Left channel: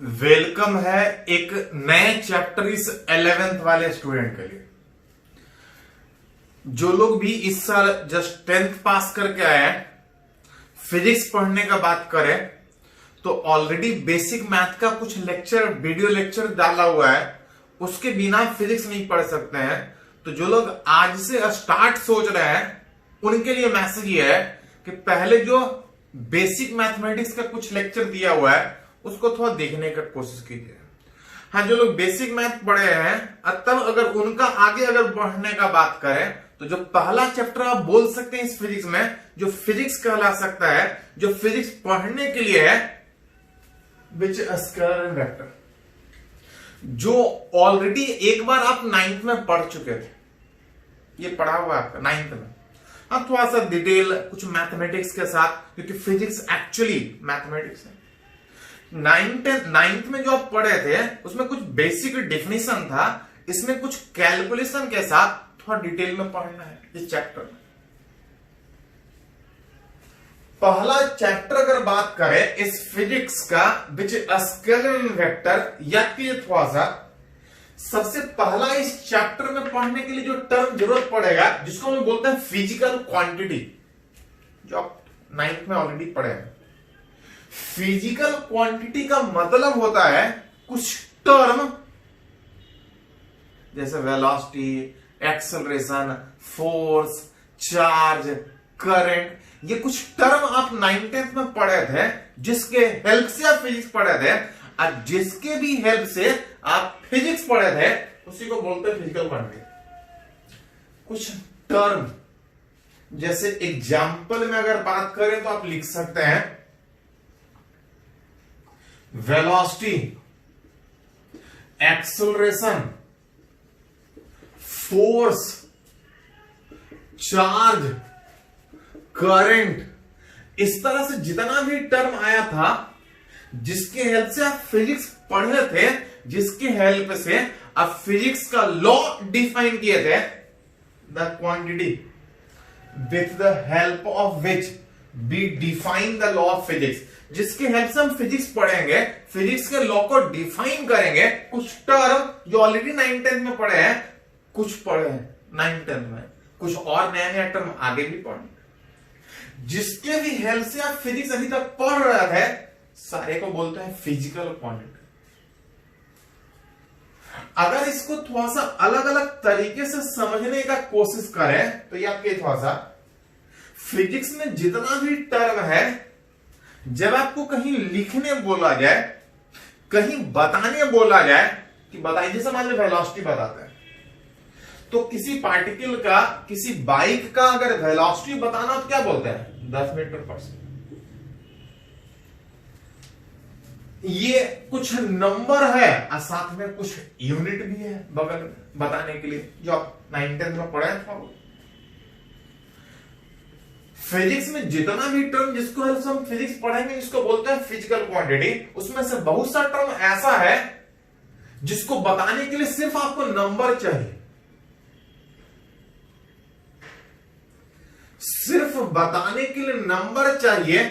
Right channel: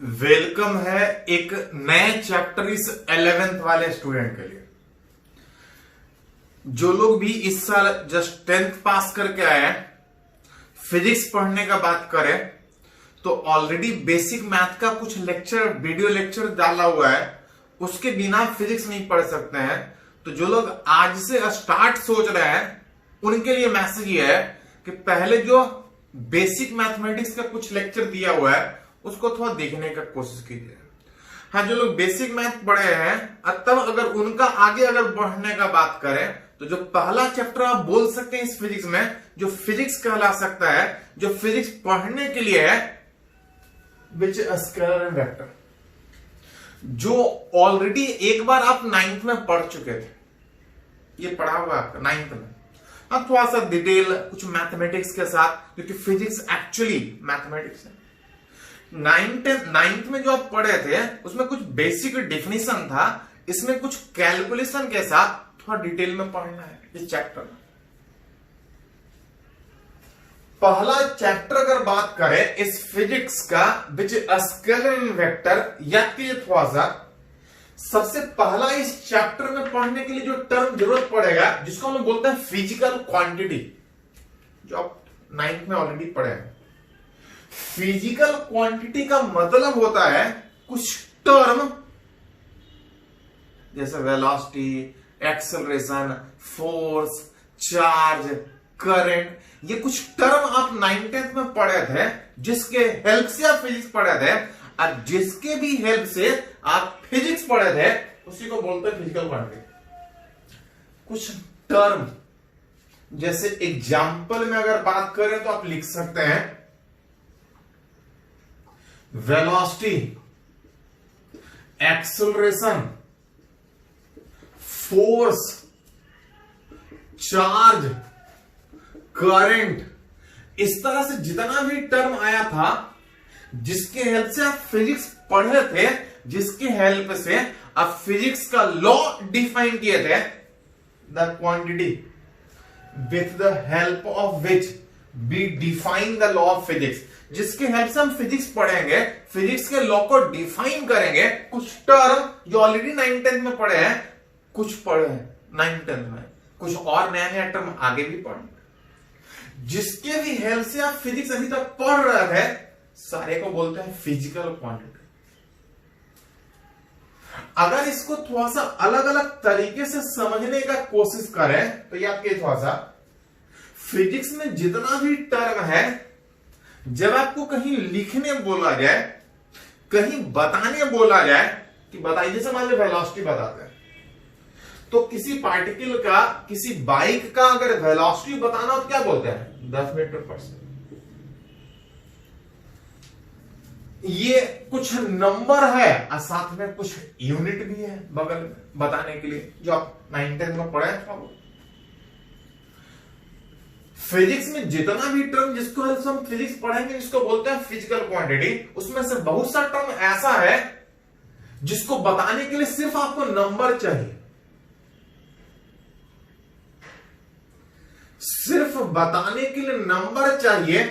Welcome है एक नए चैप्टर इस 11th वाले स्टूडेंट के लिए। जो लोग भी इस साल जस्ट 10th पास करके आए हैं, फिजिक्स पढ़ने का बात करें तो ऑलरेडी बेसिक मैथ का कुछ लेक्चर, वीडियो लेक्चर डाला हुआ है, उसके बिना फिजिक्स नहीं पढ़ सकते हैं। तो जो लोग आज से स्टार्ट सोच रहे हैं उनके लिए मैसेज ये है कि पहले जो बेसिक मैथमेटिक्स का कुछ लेक्चर दिया हुआ है उसको थोड़ा देखने का कोशिश कीजिए। हाँ, जो लोग बेसिक मैथ पढ़े हैं तब अगर उनका आगे अगर बढ़ने का बात करें तो जो पहला चैप्टर आप बोल सकते हैं इस फिजिक्स में, जो फिजिक्स कहला सकता है, जो फिजिक्स पढ़ने के लिए है, विच स्केलर एंड वेक्टर, जो ऑलरेडी एक बार आप 9th में पढ़ चुके थे। ये पढ़ा हुआ आपका 9th में। हाँ, थोड़ा सा डिटेल कुछ मैथमेटिक्स के साथ, क्योंकि फिजिक्स एक्चुअली मैथमेटिक्स है। 9th में जो आप पढ़े थे उसमें कुछ बेसिक डेफिनेशन था, इसमें कुछ कैलकुलेशन के साथ थोड़ा डिटेल में पढ़ना है इस चैप्टर में। पहला चैप्टर अगर बात करें इस फिजिक्स का, विच स्केलर एंड वेक्टर, या कि थोड़ा सा सबसे पहला इस चैप्टर में पढ़ने के लिए जो टर्म जरूरत पड़ेगा जिसको हम बोलते हैं फिजिकल क्वांटिटी, जो आप 9th में ऑलरेडी पढ़े हैं। फिजिकल क्वांटिटी का मतलब होता है कुछ टर्म जैसे velocity, acceleration, force, charge, current, ये कुछ टर्म आप 9th में पढ़े थे, जिसके हेल्प से आप फिजिक्स पढ़े थे, और जिसके भी हेल्प से आप फिजिक्स पढ़े थे उसी को बोलते हैं फिजिकल क्वांटिटी। कुछ टर्म जैसे एग्जाम्पल में अगर बात करें तो आप लिख सकते हैं velocity, acceleration, force, charge, current, इस तरह से जितना भी टर्म आया था जिसके हेल्प से आप फिजिक्स पढ़े थे, जिसके हेल्प से आप फिजिक्स का लॉ डिफाइन किए थे, the quantity with the help of which we define the law of physics, जिसके हेल्प से हम फिजिक्स पढ़ेंगे, फिजिक्स के लॉ को डिफाइन करेंगे। कुछ टर्म जो ऑलरेडी 9th में पढ़े हैं, कुछ पढ़े हैं 9th में, कुछ और नया नया टर्म आगे भी पढ़े, जिसके भी हेल्प से आप फिजिक्स अभी तक पढ़ रहे थे, सारे को बोलते हैं फिजिकल क्वांटिटी। अगर इसको थोड़ा सा अलग अलग तरीके से समझने का कोशिश करें तो ये आपके थोड़ा सा फिजिक्स में जितना भी टर्म है, जब आपको कहीं लिखने बोला जाए, कहीं बताने बोला जाए कि बताइए, जैसे मान लो वेलोसिटी बताते हैं, तो किसी पार्टिकल का, किसी बाइक का अगर वेलोसिटी बताना हो तो क्या बोलते हैं? 10 मीटर पर सेकंड। ये कुछ नंबर है और साथ में कुछ यूनिट भी है बगल में बताने के लिए, जो आप 9th में पढ़े हैं। फिजिक्स में जितना भी टर्म जिसको हम फिजिक्स पढ़ेंगे जिसको बोलते हैं फिजिकल क्वांटिटी, उसमें से बहुत सा टर्म ऐसा है जिसको बताने के लिए सिर्फ आपको नंबर चाहिए, सिर्फ बताने के लिए नंबर चाहिए,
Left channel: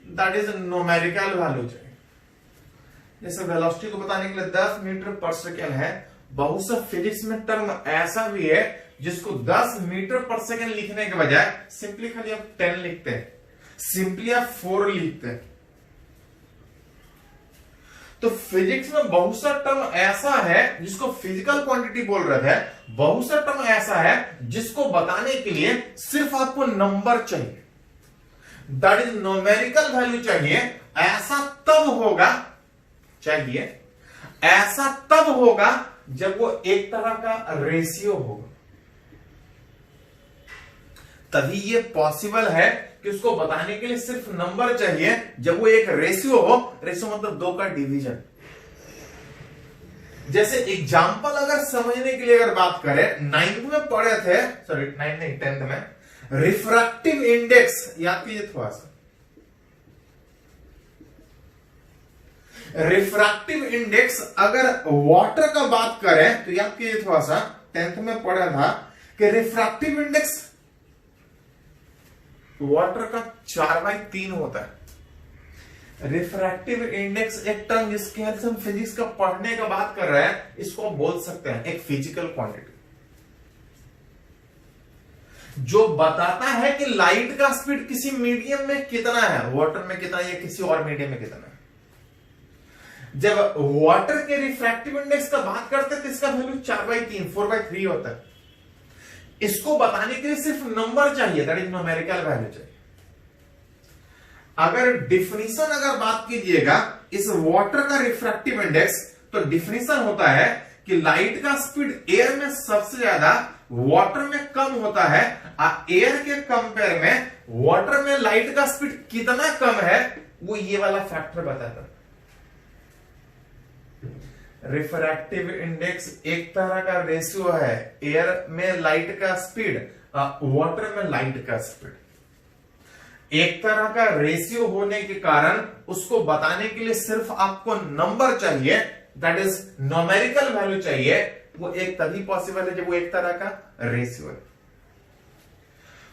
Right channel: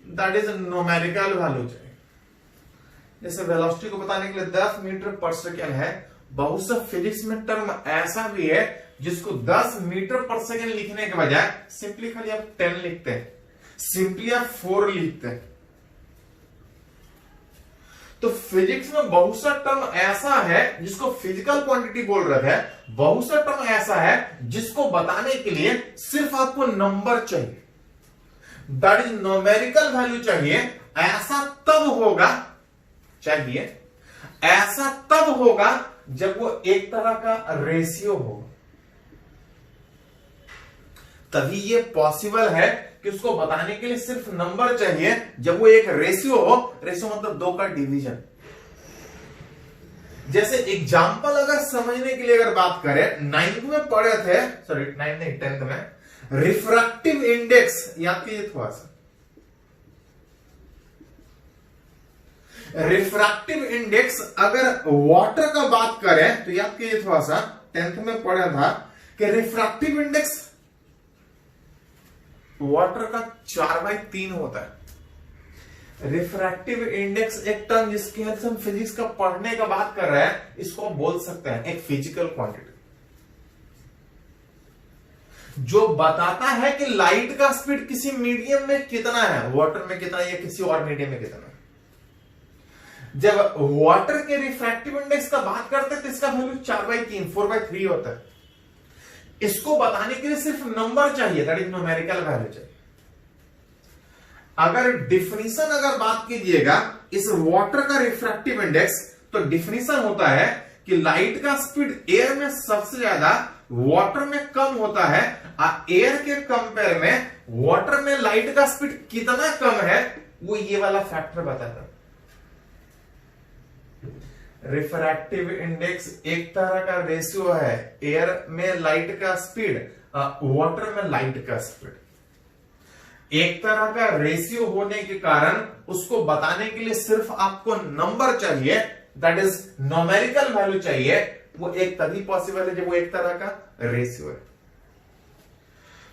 दैट इज न्यूमेरिकल वैल्यू चाहिए। जैसे वेलोसिटी को बताने के लिए 10 मीटर पर सेकेंड है, बहुत सा फिजिक्स में टर्म ऐसा भी है जिसको 10 मीटर पर सेकेंड लिखने के बजाय सिंपली खाली आप 10 लिखते हैं, सिंपली आप 4 लिखते हैं। तो फिजिक्स में बहुत सा टर्म ऐसा है जिसको फिजिकल क्वांटिटी बोल रहे थे, बहुत सा टर्म ऐसा है जिसको बताने के लिए सिर्फ आपको नंबर चाहिए, दैट इज न्यूमेरिकल वैल्यू चाहिए। ऐसा तब होगा, चाहिए ऐसा तब होगा जब वो एक तरह का रेशियो होगा, तभी ये पॉसिबल है कि उसको बताने के लिए सिर्फ नंबर चाहिए। जब वो एक रेशियो हो, रेशियो मतलब 2 का डिवीजन। जैसे एग्जांपल अगर समझने के लिए अगर बात करें, 9th में पढ़े थे, सॉरी 9th नहीं 10th में, रिफ्रैक्टिव इंडेक्स याद कीजिए थोड़ा सा। रिफ्रैक्टिव इंडेक्स अगर वाटर का बात करें तो याद कीजिए थोड़ा सा, 10th में पढ़ा था कि रिफ्रैक्टिव इंडेक्स वाटर का 4/3 होता है। रिफ्रैक्टिव इंडेक्स एक टर्म जिसके हेल्प से हम फिजिक्स का पढ़ने का बात कर रहे हैं, इसको बोल सकते हैं एक फिजिकल क्वांटिटी जो बताता है कि लाइट का स्पीड किसी मीडियम में कितना है, वाटर में कितना या किसी और मीडियम में कितना है। जब वाटर के रिफ्रैक्टिव इंडेक्स का बात करते हैं तो इसका वैल्यू 4/3 4/3 होता है। इसको बताने के लिए सिर्फ नंबर चाहिए, दैट इज न्यूमेरिकल वैल्यू चाहिए। अगर डिफिनीशन अगर बात कीजिएगा इस वाटर का रिफ्रैक्टिव इंडेक्स, तो डिफिनीशन होता है कि लाइट का स्पीड एयर में सबसे ज्यादा वाटर में कम होता है, और एयर के कंपेयर में वाटर में लाइट का स्पीड कितना कम है वो ये वाला फैक्टर बताता है। रिफ्रैक्टिव इंडेक्स एक तरह का रेशियो है, एयर में लाइट का स्पीड, वाटर में लाइट का स्पीड एक तरह का रेशियो होने के कारण उसको बताने के लिए सिर्फ आपको नंबर चाहिए, दैट इज न्यूमेरिकल वैल्यू चाहिए। वो एक तभी पॉसिबल है जब वो एक तरह का रेशियो है।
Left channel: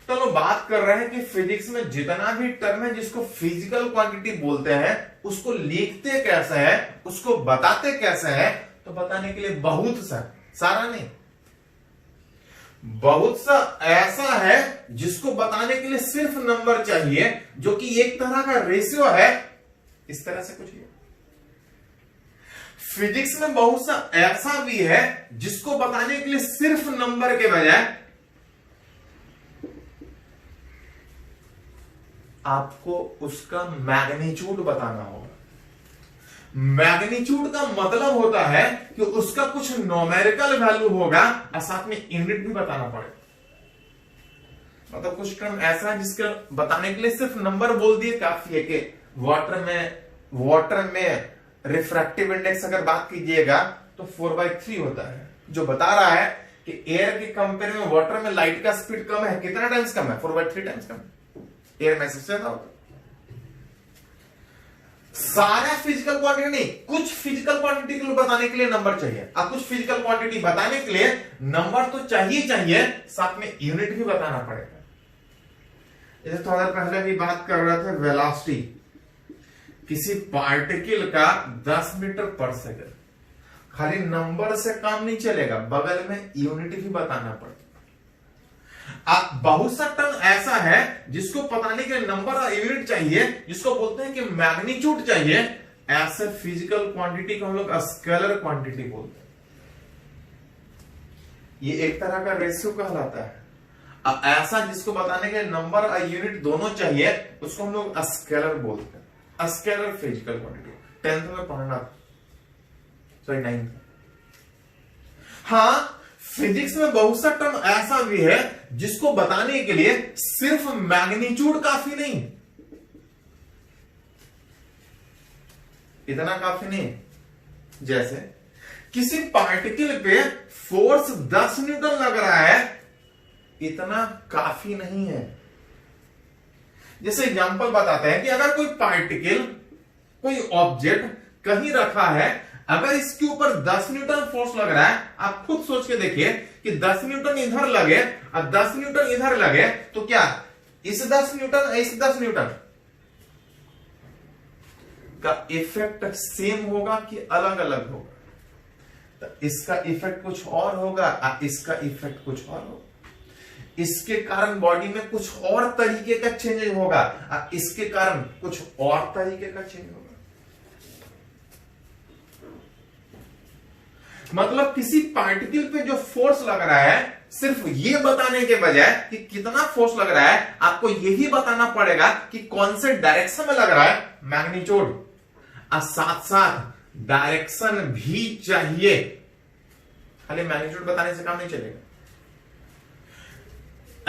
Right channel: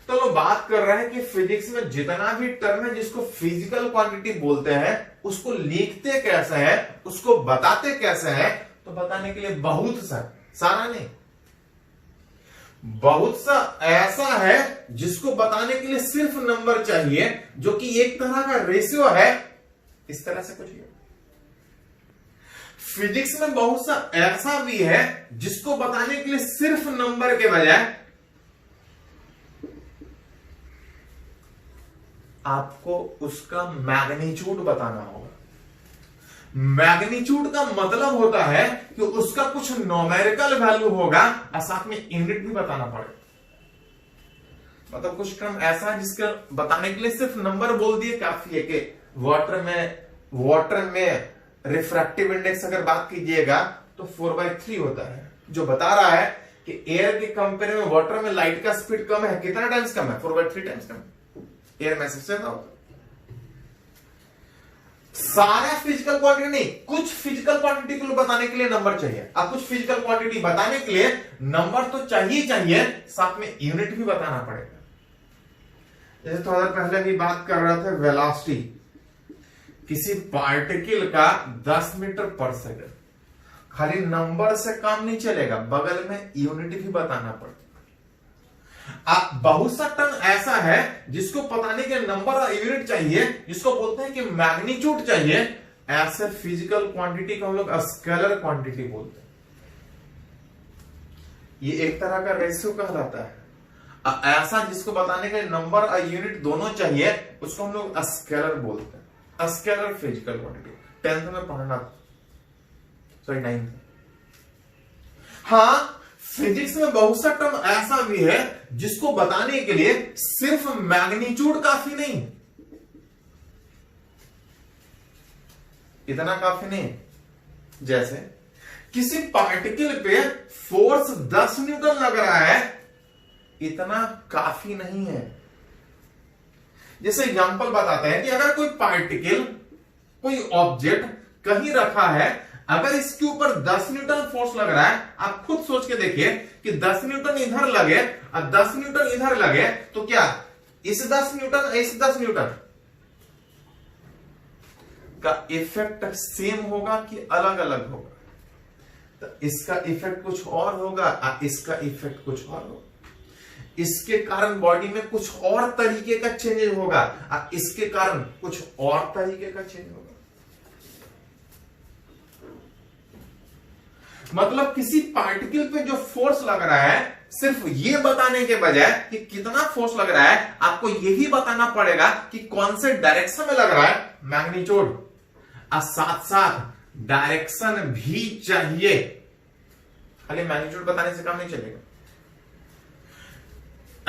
तो लोग बात कर रहे हैं कि फिजिक्स में जितना भी टर्म है जिसको फिजिकल क्वांटिटी बोलते हैं उसको लिखते कैसे है, उसको बताते कैसे है। तो बताने के लिए बहुत सारा नहीं, बहुत सा ऐसा है जिसको बताने के लिए सिर्फ नंबर चाहिए, जो कि एक तरह का रेशियो है। इस तरह से कुछ है। फिजिक्स में बहुत सा ऐसा भी है जिसको बताने के लिए सिर्फ नंबर के बजाय आपको उसका मैग्नीट्यूड बताना होगा। मैग्नीट्यूड का मतलब होता है कि उसका कुछ न्यूमेरिकल वैल्यू होगा और साथ में यूनिट भी बताना पड़ेगा। मतलब कुछ क्रम ऐसा है जिसका बताने के लिए सिर्फ नंबर बोल दिए काफी है। कि वाटर में रिफ्रैक्टिव इंडेक्स अगर बात कीजिएगा तो 4/3 होता है, जो बता रहा है कि एयर के कंपेयर में वाटर में लाइट का स्पीड कम है। कितना टाइम्स कम है? 4/3 टाइम्स कम। एयर में सबसे ज्यादा होता है। सारा फिजिकल क्वांटिटी नहीं, कुछ फिजिकल क्वांटिटी को बताने के लिए नंबर चाहिए। अब कुछ फिजिकल क्वांटिटी बताने के लिए नंबर तो चाहिए, साथ में यूनिट भी बताना पड़ेगा। जैसे थोड़ा पहले भी बात कर रहे थे वेलोसिटी, किसी पार्टिकल का 10 मीटर पर सेकंड, खाली नंबर से काम नहीं चलेगा, बगल में यूनिट भी बताना पड़ेगा। बहुत सा टर्म ऐसा है जिसको बताने के नंबर और यूनिट चाहिए, जिसको बोलते हैं कि मैग्नीट्यूड चाहिए। ऐसे फिजिकल क्वांटिटी को हम लोग स्केलर क्वांटिटी बोलते हैं। ये एक तरह का रेशियो कहलाता है। ऐसा जिसको बताने के नंबर और यूनिट दोनों चाहिए उसको हम लोग स्केलर बोलते हैं। स्केलर फिजिकल क्वांटिटी 10th में पढ़ना, सॉरी 9th। हाँ, फिजिक्स में बहुत सा टर्म ऐसा भी है जिसको बताने के लिए सिर्फ मैग्नीट्यूड काफी नहीं, इतना काफी नहीं। जैसे किसी पार्टिकल पे फोर्स 10 न्यूटन लग रहा है, इतना काफी नहीं है। जैसे एग्जांपल बताते हैं कि अगर कोई पार्टिकल, कोई ऑब्जेक्ट कहीं रखा है, अगर इसके ऊपर 10 न्यूटन फोर्स लग रहा है, आप खुद सोच के देखिए कि 10 न्यूटन इधर लगे और 10 न्यूटन इधर लगे, तो क्या इस 10 न्यूटन इस 10 न्यूटन का इफेक्ट सेम होगा कि अलग अलग होगा? तो इसका इफेक्ट कुछ और होगा और इसका इफेक्ट कुछ और होगा। इसके कारण बॉडी में कुछ और तरीके का चेंज होगा और इसके कारण कुछ और तरीके का चेंज होगा। मतलब किसी पार्टिकल पे जो फोर्स लग रहा है, सिर्फ ये बताने के बजाय कि कितना फोर्स लग रहा है, आपको यही बताना पड़ेगा कि कौन से डायरेक्शन में लग रहा है, मैग्नीट्यूड, और साथ साथ डायरेक्शन भी चाहिए। खाली मैग्नीट्यूड बताने से काम नहीं चलेगा।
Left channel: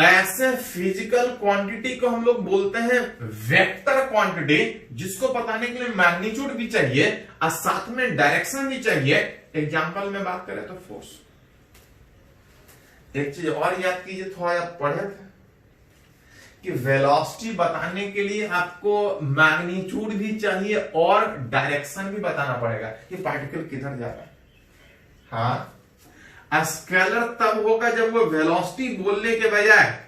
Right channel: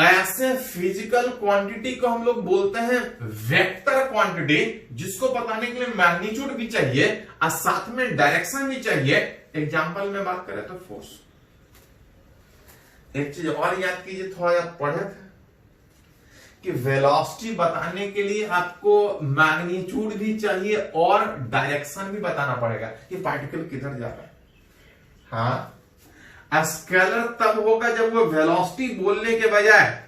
ऐसे फिजिकल क्वांटिटी को हम लोग बोलते हैं वेक्टर क्वांटिटी, जिसको बताने के लिए मैग्नीट्यूड भी चाहिए और साथ में डायरेक्शन भी चाहिए। एग्जांपल में बात करें तो फोर्स। एक चीज और याद कीजिए, थोड़ा आप पढ़े थे कि वेलोसिटी बताने के लिए आपको मैग्नीट्यूड भी चाहिए और डायरेक्शन भी बताना पड़ेगा कि पार्टिकल किधर जा रहा है। हाँ, स्केलर तब होगा जब वो वेलोसिटी बोलने के बजाय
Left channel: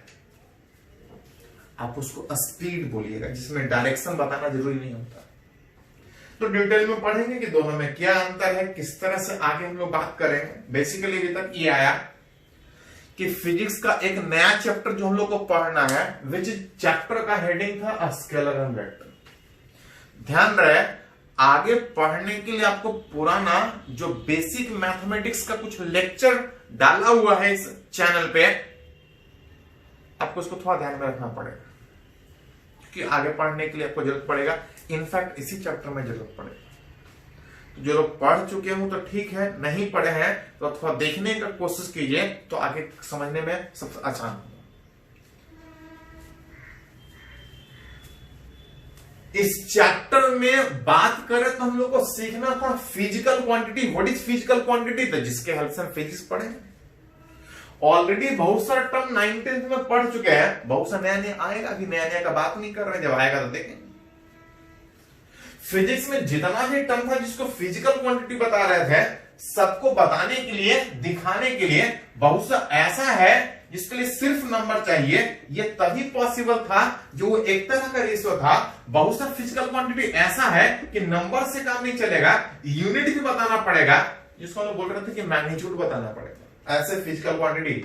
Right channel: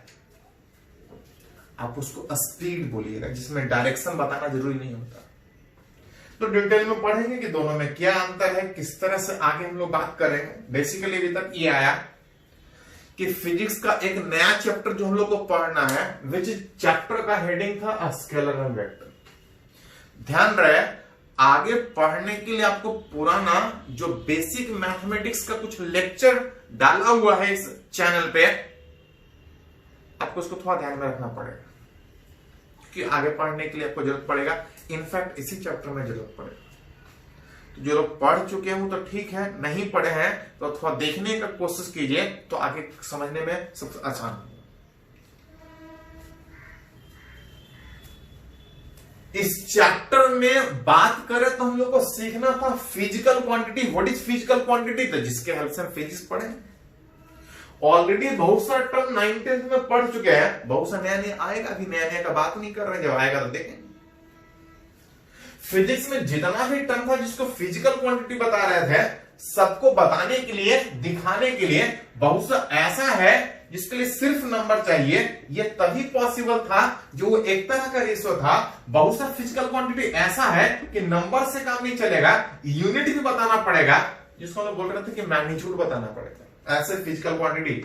आप उसको स्पीड बोलिएगा, जिसमें डायरेक्शन बताना जरूरी नहीं होता। तो डिटेल में पढ़ेंगे कि दोनों में क्या अंतर है, किस तरह से आगे हम लोग बात करेंगे। बेसिकली अभी तक ये आया कि फिजिक्स का एक नया चैप्टर जो हम लोग को पढ़ना है, विच चैप्टर का हेडिंग था स्केलर एंड वेक्टर। ध्यान रहे, आगे पढ़ने के लिए आपको पुराना जो बेसिक मैथमेटिक्स का कुछ लेक्चर डाला हुआ है इस चैनल पे, आपको उसको थोड़ा ध्यान में रखना पड़ेगा, क्योंकि आगे पढ़ने के लिए आपको जरूरत पड़ेगा। इनफैक्ट इसी चैप्टर में जरूरत पड़ेगा। तो जो लोग पढ़ चुके हैं वो तो ठीक है, नहीं पढ़े हैं तो थोड़ा देखने का कोशिश कीजिए, तो आगे समझने में सबसे आसान होगा। इस चैप्टर में बात करें तो हम लोग को सीखना था physical quantity. What is physical quantity, तो जिसके हेल्प से हम फिजिक्स पढ़े। ऑलरेडी बहुत सारा टर्म 9th में पढ़ चुके हैं, बहुत सा नया नया आएगा, अभी नया नया का बात नहीं कर रहे, जब आएगा तो देखेंगे। फिजिक्स में जितना भी टर्म था जिसको फिजिकल क्वांटिटी बता रहे थे, सबको बताने के लिए, दिखाने के लिए बहुत सा ऐसा है जिसके लिए सिर्फ नंबर चाहिए। ये तभी पॉसिबल था जो एक तरह का रेशियो था। बहुत सा फिजिकल क्वांटिटी ऐसा है कि नंबर से काम नहीं चलेगा, यूनिट भी बताना पड़ेगा, जिसको हम बोल रहे थे कि मैग्नीट्यूड बताना पड़ेगा। ऐसे फिजिकल क्वांटिटी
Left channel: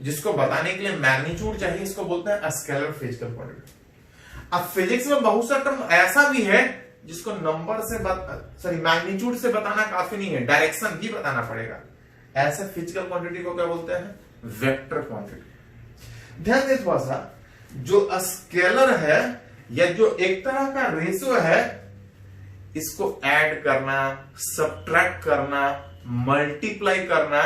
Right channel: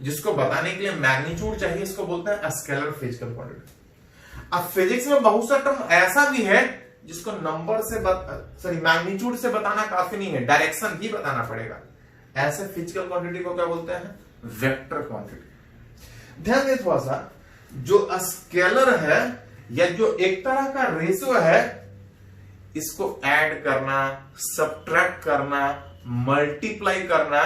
जिसको बताने के लिए मैग्नीट्यूड चाहिए, इसको बोलते हैं स्केलर फिजिकल क्वांटिटी। अब फिजिक्स में बहुत सा टर्म ऐसा भी है जिसको नंबर से मैग्नीट्यूड से बताना काफी नहीं है, डायरेक्शन भी बताना पड़ेगा। ऐसे फिजिकल क्वांटिटी को क्या बोलते हैं, वेक्टर क्वांटिटी। ध्यान दें थोड़ा सा, जो स्केलर है या जो एक तरह का रेशियो है, इसको ऐड करना, सब्ट्रैक्ट करना, मल्टीप्लाई करना,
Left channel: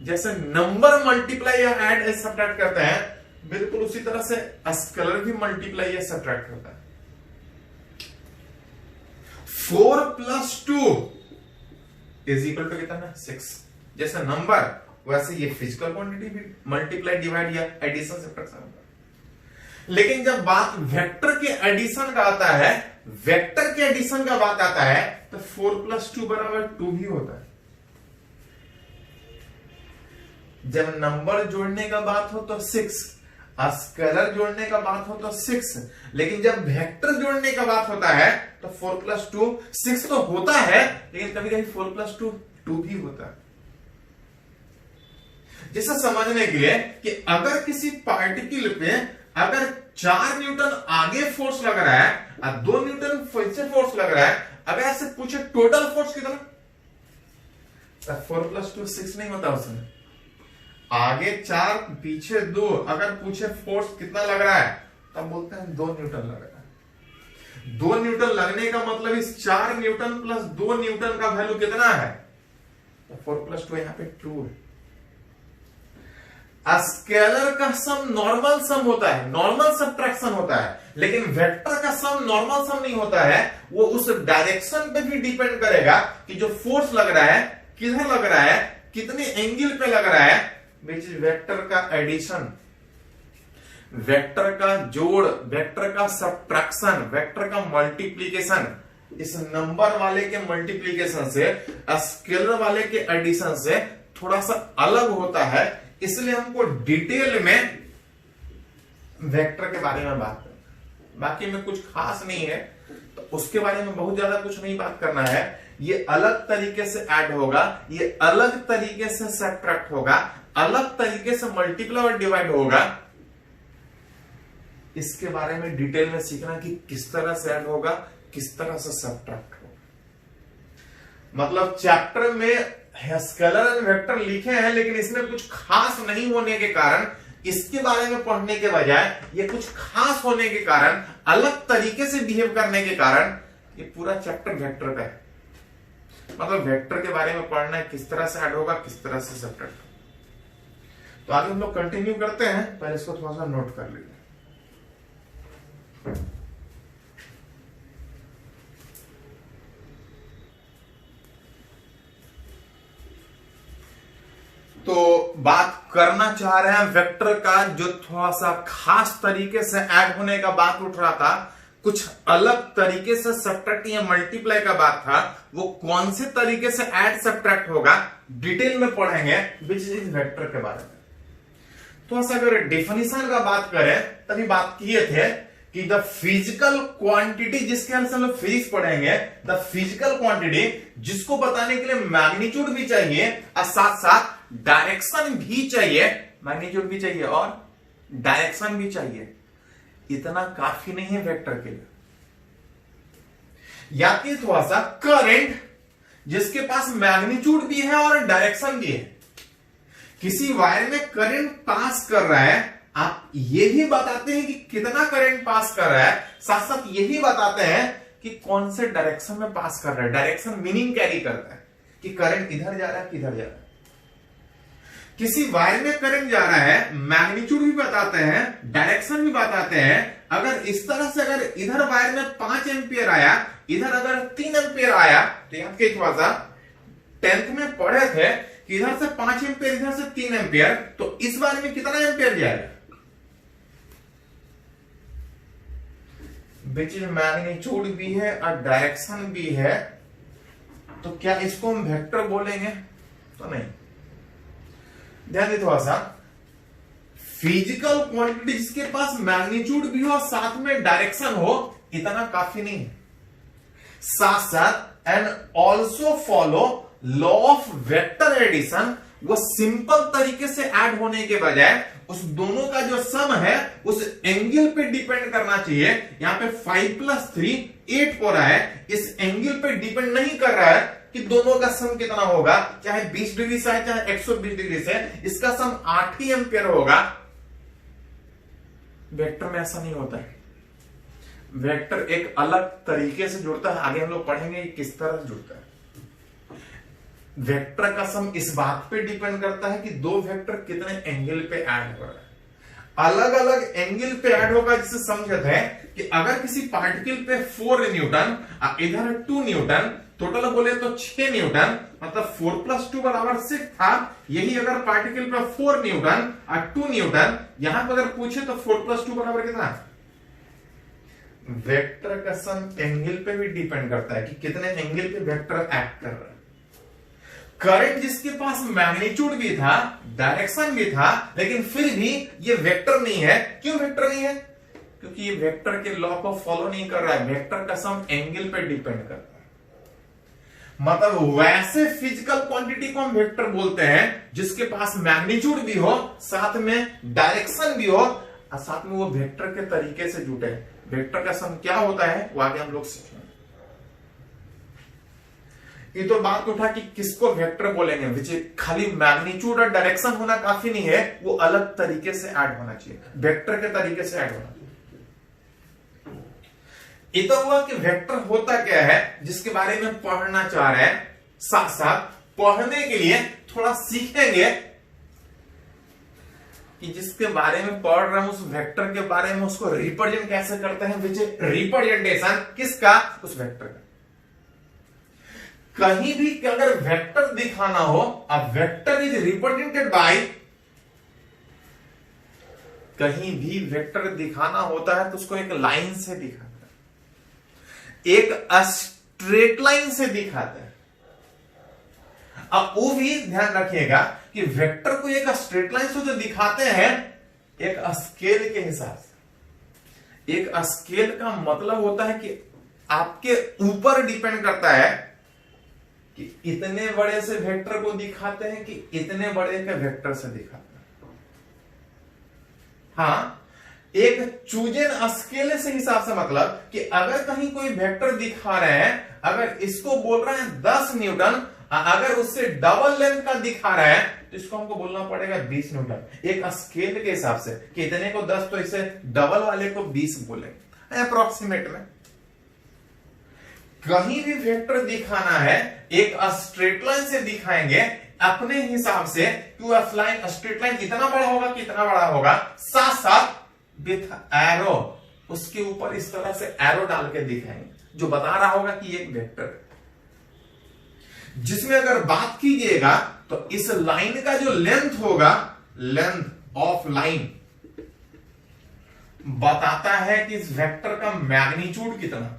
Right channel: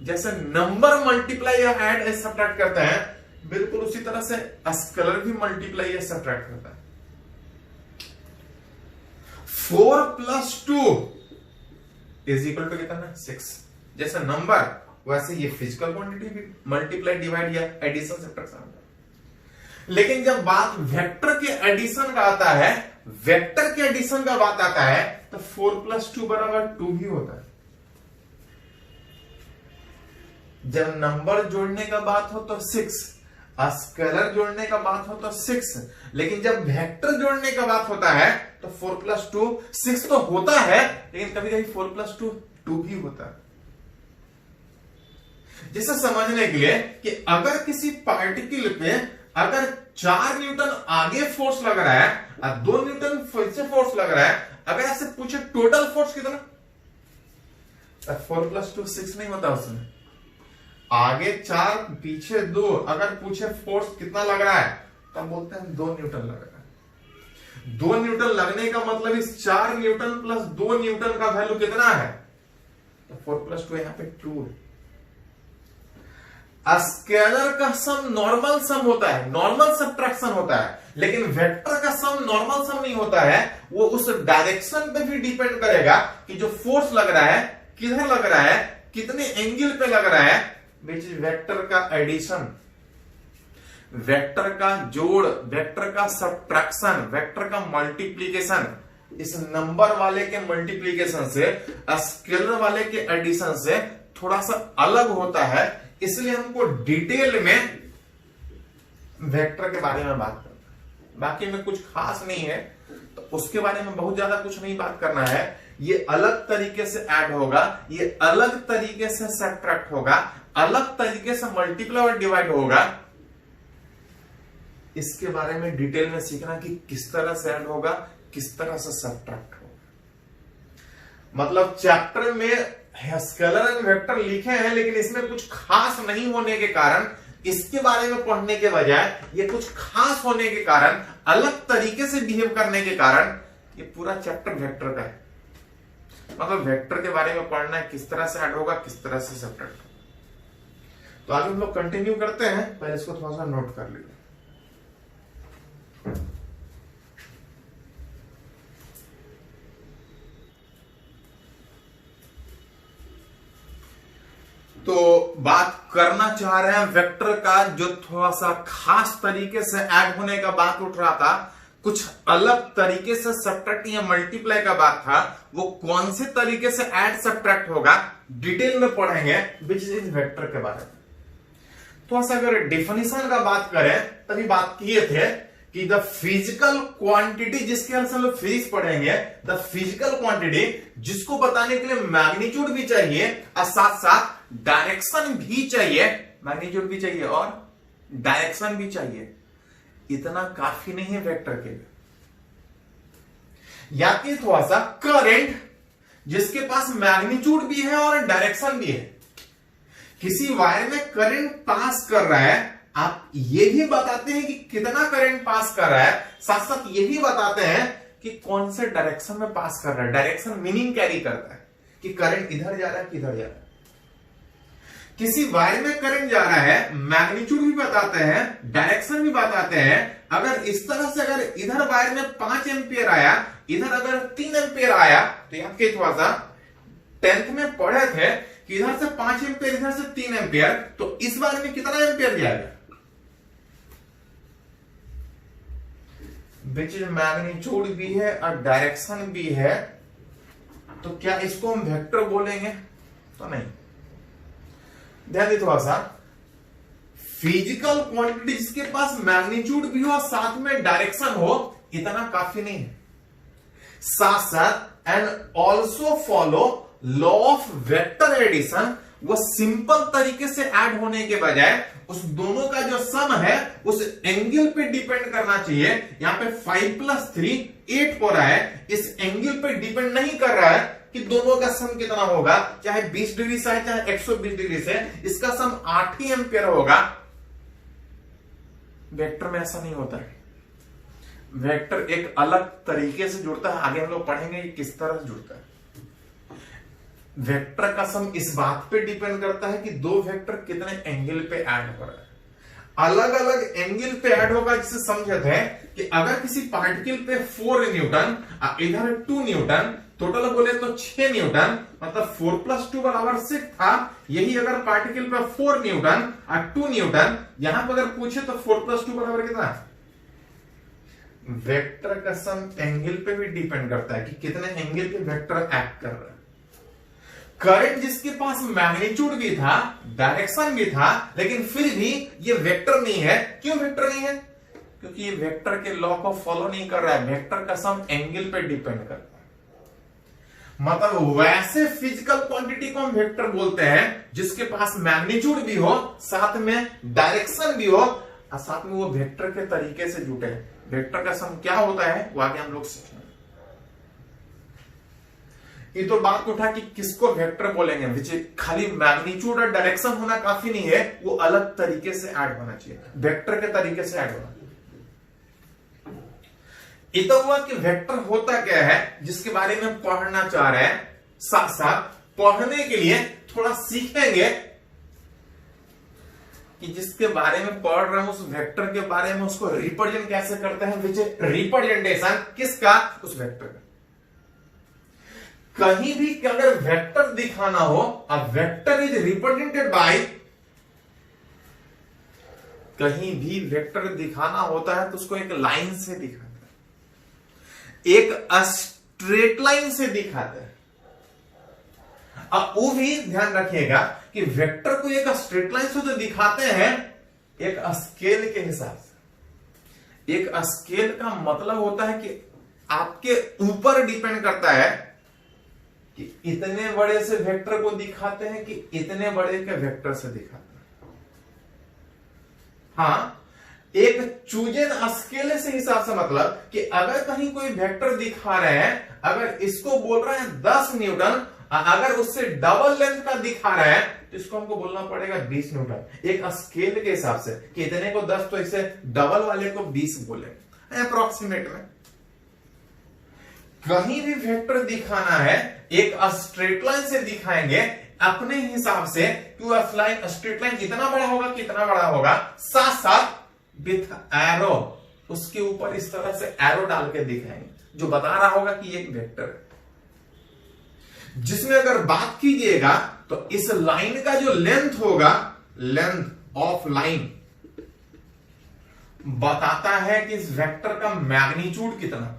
जैसे नंबर मल्टीप्लाई या ऐड या सब्ट्रैक्ट करते हैं, बिल्कुल उसी तरह से स्केलर भी मल्टीप्लाई या सब्ट्रैक्ट करता है। 4 + 2 = कितना, 6। जैसे नंबर, वैसे ये फिजिकल क्वांटिटी भी मल्टीप्लाई, डिवाइड या एडिशन, सब्ट्रैक्शन होता है। लेकिन जब बात वेक्टर के एडिशन का आता है, वेक्टर के एडिशन का बात आता है, तो 4 + 2 = 2 ही होता है। जब नंबर जोड़ने का बात हो तो 6, स्केलर जोड़ने का बात हो तो 6, लेकिन जब वेक्टर जोड़ने का बात होता है तो 4 + 2 6 तो होता है, लेकिन कभी कभी 4 + 2 2 भी होता है। जिसे समझने के लिए कि अगर किसी पार्टिकल पे अगर 4 न्यूटन आगे फोर्स लग रहा है और 2 न्यूटन पीछे फोर्स लग रहा है, अगर ऐसे पूछे टोटल फोर्स कितना, 4 + 2 6 नहीं होता उसमें। आगे 4 पीछे 2, अगर पूछे फोर्स कितना लग रहा है, तब बोलते हैं 2 न्यूटन लग रहा है। 2 न्यूटन लगने का मतलब इस 4 न्यूटन + 2 न्यूटन का वैल्यू कितना है, तो 4 + 2 यहां पे 2 है। स्केलर का सम नॉर्मल सम होता है, नॉर्मल सब्ट्रैक्शन होता है, लेकिन वेक्टर का सम नॉर्मल सम नहीं होता है। वो उस डायरेक्शन पे भी डिपेंड करेगा कि जो फोर्स लग रहा है किधर लग रहा है, कितने एंगल पे लग रहा है, विच इज वेक्टर का एडिशन, वेक्टर का जोड़, वेक्टर का सब्ट्रैक्शन, वेक्टर का मल्टीप्लीकेशन। इस नंबर वाले के मल्टीप्लीकेशन से, स्केलर वाले के एडिशन से थोड़ा सा अलग होता है। इसलिए हमको डिटेल में वेक्टर के बारे में बात करना है। बाकी में कुछ खास नहीं है, तो उसके बारे में बहुत ज्यादा कुछ नहीं बात करना है। ये अलग तरीके से ऐड होगा, ये अलग तरीके से सब्ट्रैक्ट होगा, अलग तरीके से मल्टीप्लाई और डिवाइड होगा। इसके बारे में डिटेल में सीखना कि किस तरह से ऐड होगा, किस तरह से सब्ट्रैक्ट होगा। मतलब चैप्टर में स्केलर एंड वेक्टर लिखे हैं, लेकिन इसमें कुछ खास नहीं होने के कारण, इसके बारे में पढ़ने के बजाय ये कुछ खास होने के कारण, अलग तरीके से बिहेव करने के कारण, ये पूरा चैप्टर वेक्टर का है। मतलब वेक्टर के बारे में पढ़ना है, किस तरह से ऐड होगा, किस तरह से सब्ट्रैक्ट होगा। तो आगे हम लोग कंटिन्यू करते हैं, पहले इसको थोड़ा सा नोट कर लीजिए। तो बात करना चाह रहे हैं वेक्टर का, जो थोड़ा सा खास तरीके से ऐड होने का बात उठ रहा था, कुछ अलग तरीके से सब्ट्रैक्ट या मल्टीप्लाई का बात था। वो कौन से तरीके से ऐड सब्ट्रैक्ट होगा, डिटेल में पढ़ेंगे विच इज वेक्टर के बारे में। थोड़ा सा अगर डेफिनेशन का बात करें, तभी बात किए थे कि द फिजिकल क्वांटिटी, जिसके ख्याल से हम लोग फिजिक्स पढ़ेंगे, द फिजिकल क्वांटिटी जिसको बताने के लिए मैग्नीट्यूड भी चाहिए और साथ साथ डायरेक्शन भी चाहिए, मैग्नीट्यूड भी चाहिए और डायरेक्शन भी चाहिए। इतना काफी नहीं है वेक्टर के लिए। या कि थोड़ा सा करंट जिसके पास मैग्नीट्यूड भी है और डायरेक्शन भी है। किसी वायर में करंट पास कर रहा है, आप ये भी बताते हैं कि कितना करंट पास कर रहा है, साथ साथ यही बताते हैं कि कौन से डायरेक्शन में पास कर रहा है। डायरेक्शन मीनिंग कैरी करता है कि करंट इधर जा रहा है किधर जा रहा है। किसी वायर में करंट जा रहा है, मैग्नीट्यूड भी बताते हैं, डायरेक्शन भी बताते हैं। अगर इस तरह से अगर इधर वायर में 5 एम्पियर आया, इधर अगर 3 एम्पियर आया, तो याद के थोड़ा सा 10th में पढ़े थे कि इधर से 5 एम्पियर, इधर से 3 एम्पियर, तो इस वायर में कितना एम्पियर जाएगा, विच मैग्नीट्यूड भी है और डायरेक्शन भी है, तो क्या इसको हम वेक्टर बोलेंगे? तो नहीं। ध्यान दे थोड़ा सा, फिजिकल क्वांटिटी जिसके पास मैग्नीट्यूड भी हो साथ में डायरेक्शन हो, इतना काफी नहीं है। साथ साथ and also follow law of vector addition, वो सिंपल तरीके से ऐड होने के बजाय उस दोनों का जो सम है उस एंगल पे डिपेंड करना चाहिए। यहां पे 5 + 3 8 हो रहा है, इस एंगल पे डिपेंड नहीं कर रहा है कि दोनों का सम कितना होगा, चाहे 20 डिग्री से है चाहे 120 डिग्री से, इसका सम 8 ही एम्पियर होगा। वेक्टर में ऐसा नहीं होता है। वेक्टर एक अलग तरीके से जुड़ता है, आगे हम लोग पढ़ेंगे किस तरह से जुड़ता है। वेक्टर का सम इस बात पे डिपेंड करता है कि दो वेक्टर कितने एंगल पे ऐड हो रहा है। अलग अलग एंगल पे ऐड होगा, जिसे समझते हैं कि अगर किसी पार्टिकल पे 4 न्यूटन, इधर 2 न्यूटन, टोटल बोले तो 6 न्यूटन, मतलब 4 + 2 = 6 था। यही अगर पार्टिकल पे 4 न्यूटन और 2 न्यूटन, यहां पर अगर पूछे तो 4 + 2 = कितना? वेक्टर का सम एंगल पे भी डिपेंड करता है कि कितने एंगल पे वेक्टर एक्ट कर रहा है। करंट जिसके पास मैग्नीट्यूड भी था, डायरेक्शन भी था, लेकिन फिर भी ये वेक्टर नहीं है। क्यों वेक्टर नहीं है? क्योंकि ये वेक्टर के लॉ को फॉलो नहीं कर रहा है। वेक्टर का सम एंगल पे डिपेंड करता है। मतलब वैसे फिजिकल क्वांटिटी को हम वेक्टर बोलते हैं जिसके पास मैग्नीट्यूड भी हो, साथ में डायरेक्शन भी हो और साथ में वो वेक्टर के तरीके से जुटे। वेक्टर का सम क्या होता है वो आगे हम लोग सीखेंगे। ये तो बात उठा कि किसको वेक्टर बोलेंगे, विच खाली मैग्नीट्यूड और डायरेक्शन होना काफी नहीं है, वो अलग तरीके से ऐड होना चाहिए, वेक्टर के तरीके से ऐड होना चाहिए। ये तो हुआ कि वेक्टर होता क्या है जिसके बारे में पढ़ना चाह रहे हैं। साथ साथ पढ़ने के लिए थोड़ा सीखेंगे कि जिसके बारे में पढ़ रहे हैं उस वेक्टर के बारे में, उसको रिप्रेजेंट कैसे करते हैं, विच रिप्रेजेंटेशन किसका, उस वेक्टर का। कहीं भी अगर वेक्टर दिखाना हो, अब वेक्टर इज रिप्रेजेंटेड बाय, कहीं भी वेक्टर दिखाना होता है तो उसको एक लाइन से दिखाता है, एक स्ट्रेट लाइन से दिखाता है। अब वो भी ध्यान रखिएगा कि वेक्टर को एक स्ट्रेट लाइन से तो दिखाते हैं एक स्केल के हिसाब से। एक स्केल का मतलब होता है कि आपके ऊपर डिपेंड करता है कि इतने बड़े से वेक्टर को दिखाते हैं कि इतने बड़े के वेक्टर से दिखाते हैं। हाँ, एक चूजन स्केल से हिसाब से मतलब कि अगर कहीं कोई वेक्टर दिखा रहे हैं, अगर इसको बोल रहे हैं 10 न्यूटन, अगर उससे डबल लेंथ का दिखा रहा है तो इसको हमको बोलना पड़ेगा 20 न्यूटन। एक स्केल के हिसाब से कि इतने को 10 तो इसे डबल वाले को 20 बोलेंगे अप्रोक्सीमेट में। कहीं भी वेक्टर दिखाना है एक स्ट्रेट लाइन से दिखाएंगे अपने हिसाब से कि वो स्ट्रेट लाइन इतना बड़ा होगा कितना बड़ा होगा, साथ साथ विथ एरो उसके ऊपर इस तरह से एरो डाल के दिखाएंगे जो बता रहा होगा कि ये वेक्टर है। जिसमें अगर बात कीजिएगा तो इस लाइन का जो लेंथ होगा, लेंथ ऑफ लाइन बताता है कि इस वेक्टर का मैग्नीट्यूड कितना।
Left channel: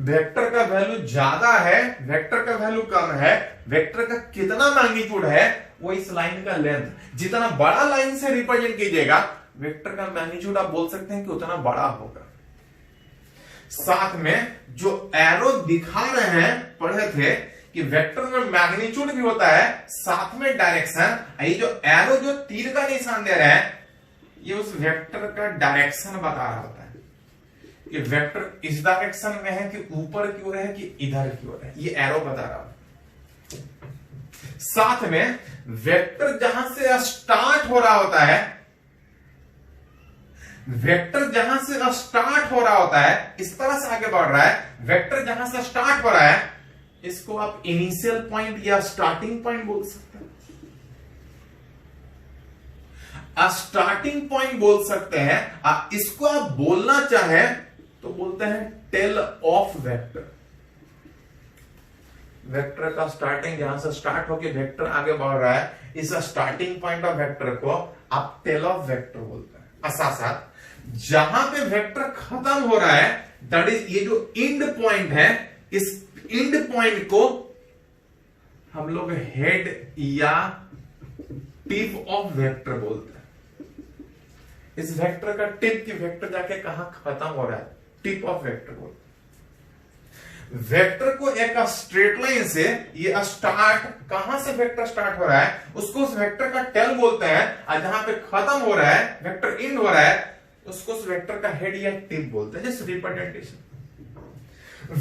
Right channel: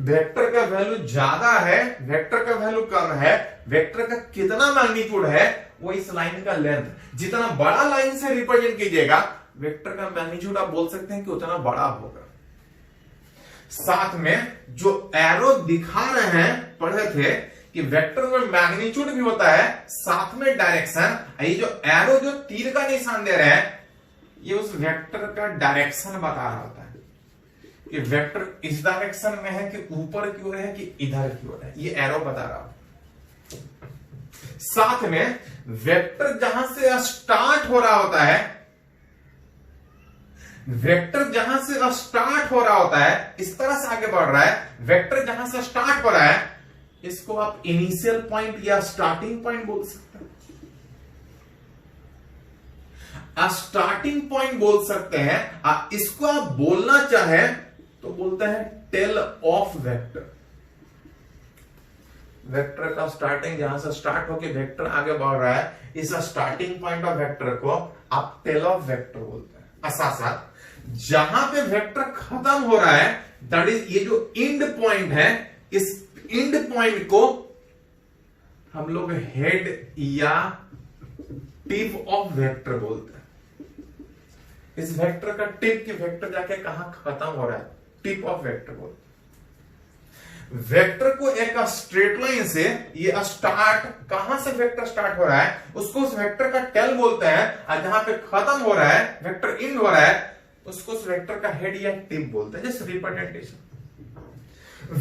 वेक्टर का वैल्यू ज्यादा है, वेक्टर का वैल्यू कम है, वेक्टर का कितना मैग्नीट्यूड है वो इस लाइन का लेंथ। जितना बड़ा लाइन से रिप्रेजेंट कीजिएगा वेक्टर का मैग्नीट्यूड आप बोल सकते हैं कि उतना बड़ा होगा। साथ में जो एरो दिखा रहे हैं, पढ़े थे कि वेक्टर में मैग्नीट्यूड भी होता है साथ में डायरेक्शन। ये जो एरो जो तीर का निशान दे रहा है ये उस वेक्टर का डायरेक्शन बता रहा होता है कि वेक्टर इस डायरेक्शन में है कि ऊपर की ओर है कि इधर की ओर है, ये एरो बता रहा होता है। साथ में वेक्टर जहां से स्टार्ट हो रहा होता है, वेक्टर जहां से स्टार्ट हो रहा होता है, इस तरह से आगे बढ़ रहा है, वेक्टर जहां से स्टार्ट हो रहा है इसको आप इनिशियल पॉइंट या स्टार्टिंग पॉइंट बोल सकते हैं। स्टार्टिंग पॉइंट बोल सकते हैं। इसको आप बोलना चाहे तो बोलते हैं टेल ऑफ वेक्टर। वेक्टर का स्टार्टिंग जहां से स्टार्ट होकर वेक्टर आगे बढ़ रहा है, इस स्टार्टिंग पॉइंट ऑफ वेक्टर को आप टेल ऑफ वेक्टर बोलते हैं। साथ साथ जहां पे वेक्टर खत्म हो रहा है दैट इज ये जो एंड पॉइंट है, इस एंड पॉइंट को हम लोग हेड या टिप ऑफ वेक्टर बोलते हैं। इस वेक्टर का टिप की वेक्टर जाके कहां खत्म हो रहा है, टिप ऑफ वेक्टर बोलते हैं। वेक्टर को एक स्ट्रेट लाइन से ये स्टार्ट, कहां से वेक्टर स्टार्ट हो रहा है उसको उस वेक्टर का टेल बोलते हैं, और जहां पे खत्म हो रहा है वेक्टर एंड हो रहा है उसको उस वेक्टर का हेड या टिप बोलते हैं। जैसे रिप्रेजेंटेशन,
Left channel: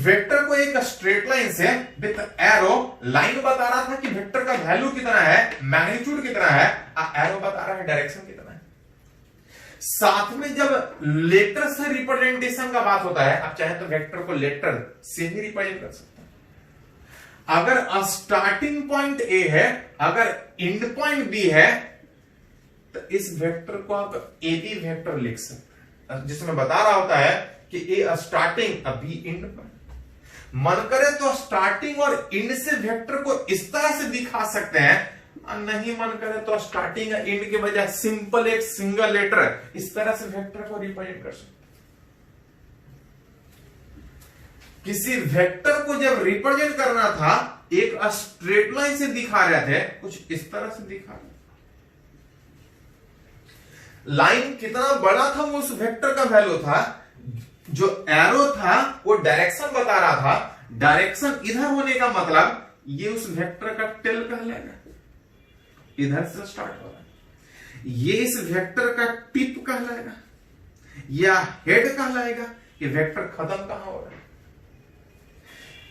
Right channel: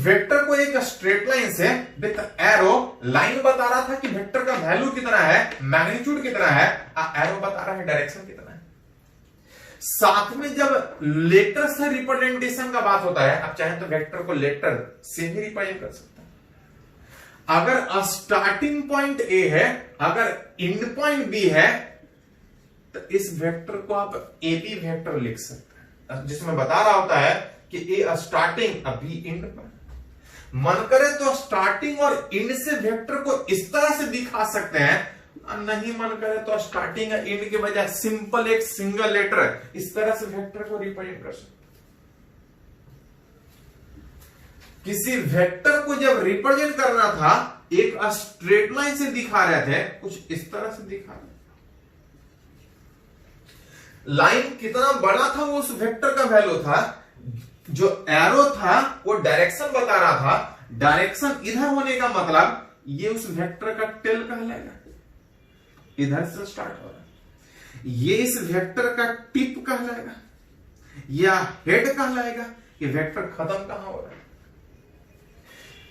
वेक्टर को एक स्ट्रेट लाइन से विद एरो, लाइन बता रहा था कि वेक्टर का वैल्यू कितना है, मैग्नीट्यूड कितना है, एरो बता रहा है डायरेक्शन कितना है। साथ में जब लेटर से रिप्रेजेंटेशन का बात होता है, आप चाहे तो वेक्टर को लेटर से भी रिप्रेजेंट कर सकते हैं। अगर स्टार्टिंग पॉइंट ए है, अगर एंड पॉइंट बी है, तो इस वेक्टर को आप ए बी वेक्टर लिख सकते हैं, जिसमें बता रहा होता है कि ए स्टार्टिंग अभी एंड पॉइंट। मन करे तो स्टार्टिंग और एंड से वेक्टर को इस तरह से दिखा सकते हैं, नहीं मन करे तो स्टार्टिंग और एंड के बजाय सिंपल एक सिंगल लेटर इस तरह से वेक्टर को रिप्रेजेंट कर सकते हैं। किसी वेक्टर को जब रिप्रेजेंट करना था एक स्ट्रेट लाइन से दिखा रहे थे, कुछ इस तरह से दिखा रहे थे। लाइन कितना बड़ा था वो उस वेक्टर का वैल्यू था, जो एरो था वो डायरेक्शन बता रहा था, डायरेक्शन इधर होने का मतलब ये उस वेक्टर का टेल कहलाएगा, इधर से स्टार्ट हो रहा है। ये इस वेक्टर का टिप कहलाएगा या हेड कहलाएगा कि वेक्टर खत्म कहां हो रहा है।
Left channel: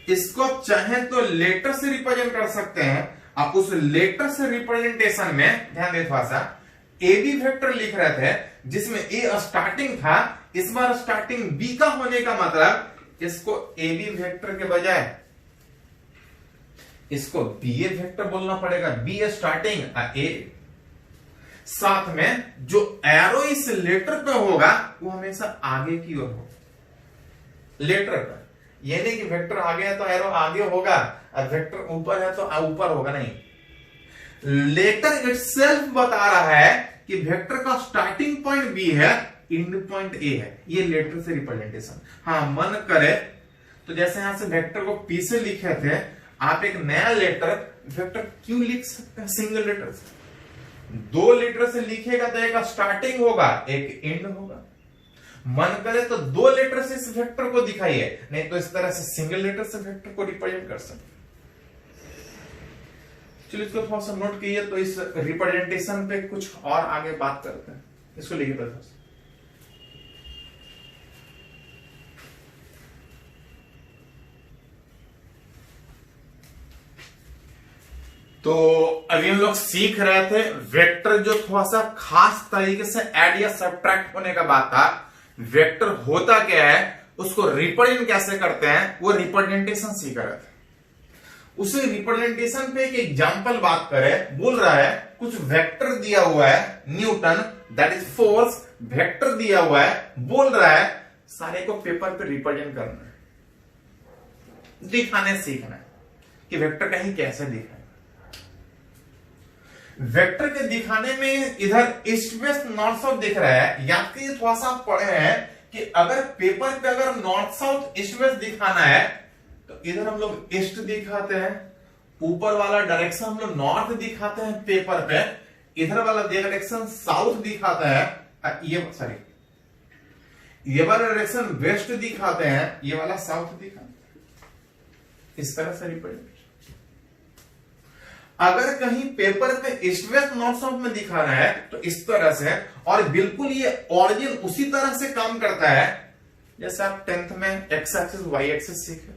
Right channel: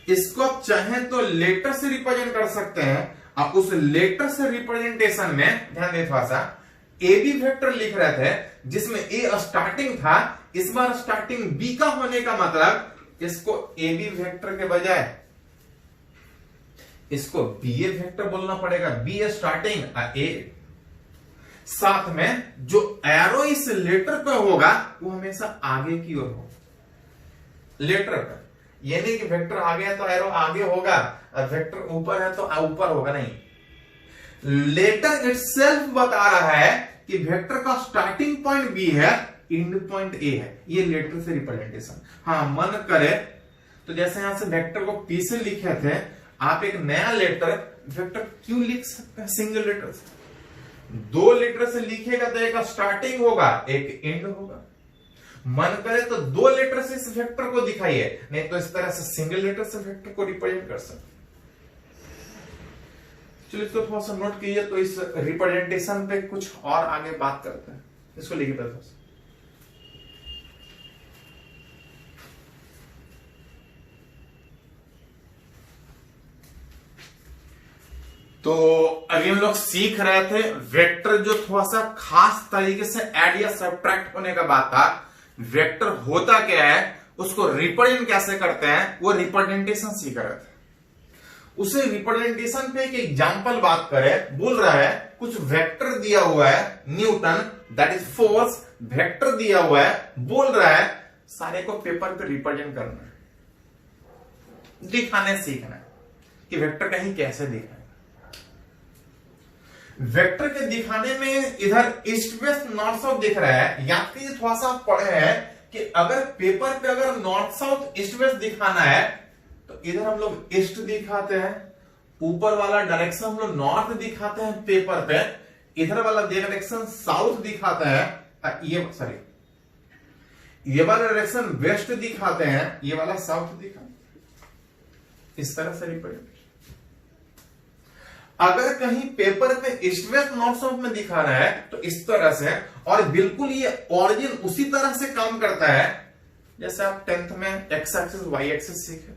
इसको आप चाहें तो लेटर से रिप्रेजेंट कर सकते हैं। आप उस लेटर से रिप्रेजेंटेशन में ध्यान दे, थोड़ा सा ए बी वेक्टर लिख रहे थे जिसमें ए स्टार्टिंग था, इस बार स्टार्टिंग बी का होने का मतलब इसको ए बी वेक्टर के बजाय इसको बी ए वेक्टर बोलना पड़ेगा, बी ए स्टार्टिंग ए। साथ में जो एरो इस लेटर पे होगा वो हमेशा आगे की ओर होगा लेटर का। ये नहीं कि वेक्टर आगे है तो एरो आगे होगा और वेक्टर ऊपर है तो ऊपर होगा, नहीं। लेटर इटसेल्फ बता रहा है कि वेक्टर का स्टार्टिंग पॉइंट बी है, एंड पॉइंट ए है। ये लेटर से रिप्रेजेंटेशन। हाँ, मन करे तो जैसे यहां से वेक्टर को पी से लिखे थे, आप एक नया लेटर वेक्टर क्यों लिख सकते हैं सिंगल लेटर से। दो लेटर से लिखेगा तो एक स्टार्टिंग होगा एक एंड होगा। मन करे तो दो लेटर से इस वेक्टर को दिखाइए, नहीं तो इस तरह से सिंगल लेटर से वेक्टर को रिप्रेजेंट कर सकते। चलिए इसको थोड़ा सा नोट कीजिए, तो इस रिप्रेजेंटेशन पे कुछ और आगे बात करते हैं। इसको लिखिए पहले। तो अभी हम लोग सीख रहे थे वेक्टर, जो थोड़ा सा खास तरीके से ऐड या सब्ट्रैक्ट होने का बात था। वेक्टर होता क्या है, उसको रिप्रेजेंट कैसे करते हैं, वो रिप्रेजेंटेशन सीख रहे थे। उसे रिप्रेजेंटेशन पे एक एग्जांपल बात करें, बोल रहा है कुछ वेक्टर दिया हुआ है, Newton that is force vector दिया हुआ है, बोल रहा है सारे को पेपर पे रिप्रेजेंट करना है, दिखाने सीखना है कि वेक्टर कहीं कैसे दिखाए। वेक्टर के दिखाने में इधर ईस्ट वेस्ट नॉर्थ साउथ दिख रहा है। याद कीजिए, थोड़ा सा आप पढ़े हैं कि अगर पेपर पे अगर नॉर्थ साउथ ईस्ट वेस्ट दिखाना है तो इधर हम लोग ईस्ट दिखाते हैं, ऊपर वाला डायरेक्शन हम लोग नॉर्थ दिखाते हैं पेपर पे, इधर वाला डायरेक्शन साउथ दिखाते हैं, ये वाला डायरेक्शन वेस्ट दिखाते हैं, ये वाला साउथ दिखाते हैं। इस तरह से रिप्रेजेंट। अगर कहीं पेपर पे ईस्ट वेस्ट नॉर्थ साउथ में दिखा रहा है तो इस तरह से, और बिल्कुल ये ऑरिजिन उसी तरह से काम करता है जैसे आप 10th में एक्स एक्सिस वाई एक्सिस सीखे।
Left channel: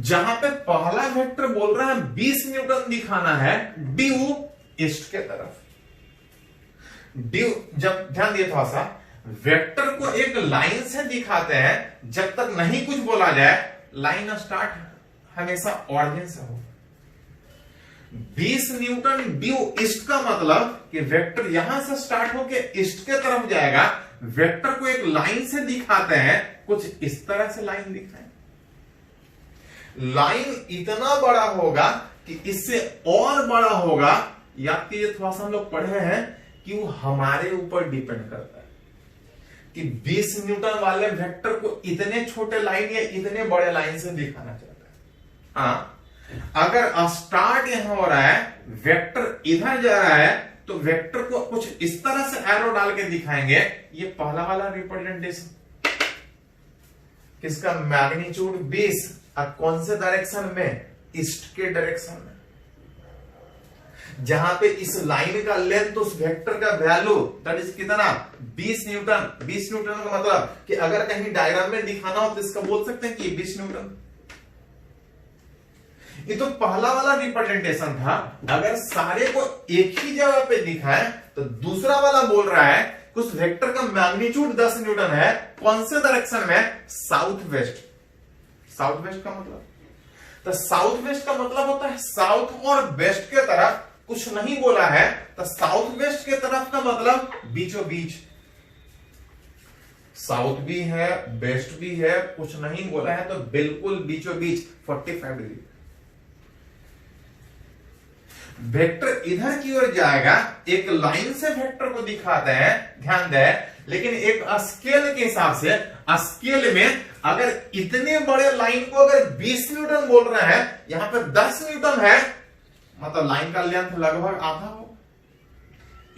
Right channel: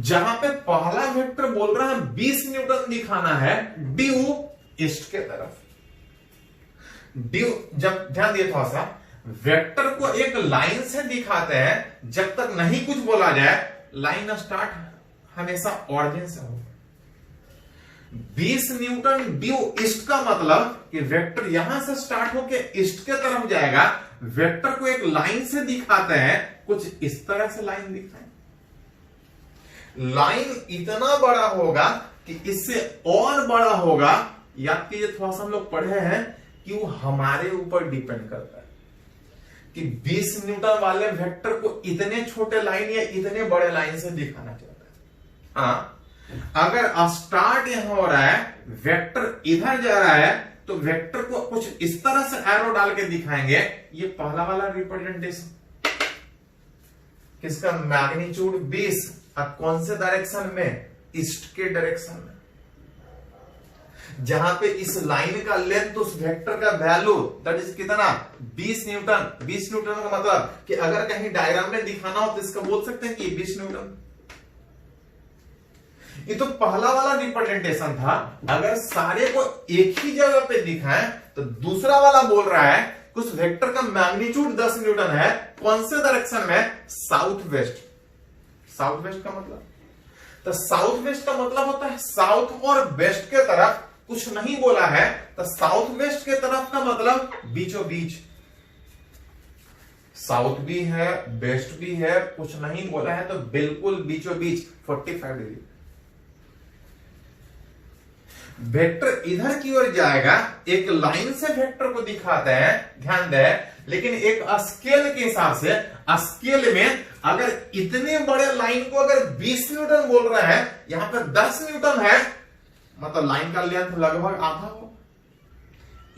जहां पे पहला वेक्टर बोल रहा है 20 न्यूटन दिखाना है ड्यू ईस्ट के तरफ। ड्यू, जब ध्यान दिए थोड़ा सा, वेक्टर को एक लाइन से दिखाते हैं, जब तक नहीं कुछ बोला जाए लाइन स्टार्ट हमेशा ऑरिजिन से होगा। 20 न्यूटन ड्यू ईस्ट का मतलब कि वेक्टर यहां से स्टार्ट होकर ईस्ट के तरफ जाएगा। वेक्टर को एक लाइन से दिखाते हैं, कुछ इस तरह से लाइन दिखाएं। लाइन इतना बड़ा होगा कि इससे और बड़ा होगा, याद कीजिए थोड़ा सा हम लोग पढ़े हैं कि वो हमारे ऊपर डिपेंड करता है कि 20 न्यूटन वाले वेक्टर को इतने छोटे लाइन या इतने बड़े लाइन से दिखाना चाहता है। हाँ, अगर स्टार्ट यहां हो रहा है, वेक्टर इधर जा रहा है, तो वेक्टर को कुछ इस तरह से एरो डाल के दिखाएंगे। ये पहला वाला रिप्रेजेंटेशन किसका, मैग्नीट्यूड 20, और कौन से डायरेक्शन में, ईस्ट के डायरेक्शन में। जहां पे इस लाइन का लेंथ, उस वेक्टर का वैल्यू दैट इज कितना, 20 न्यूटन। 20 न्यूटन का मतलब कि अगर कहीं डायग्राम में दिखाना हो तो इसका बोल सकते हैं कि 20 न्यूटन। ये तो पहला वाला रिप्रेजेंटेशन था। अगर सारे को एक ही जगह पे दिखाएं तो दूसरा वाला बोल रहा है उस वेक्टर का मैग्नीट्यूड 10 न्यूटन है, कौन से डायरेक्शन में, साउथ वेस्ट। साउथ वेस्ट का मतलब, तो साउथ वेस्ट का मतलब होता है साउथ और वेस्ट के तरफ, कुछ नहीं बोला है तो साउथ वेस्ट के तरफ का मतलब बीचों बीच। साउथ भी है वेस्ट भी है, कुछ नहीं बोला है तो बिल्कुल बीचों बीच 45 डिग्री। वेक्टर इधर की ओर जाएगा, एक लाइन से वेक्टर को दिखाते हैं, ध्यान दें, लेकिन एक स्केल के हिसाब से, स्केल में अगर इतने बड़े लाइन को अगर 20 न्यूटन बोल रहे हैं, यहां पर 10 न्यूटन है, मतलब लाइन का लेंथ लगभग आधा हो।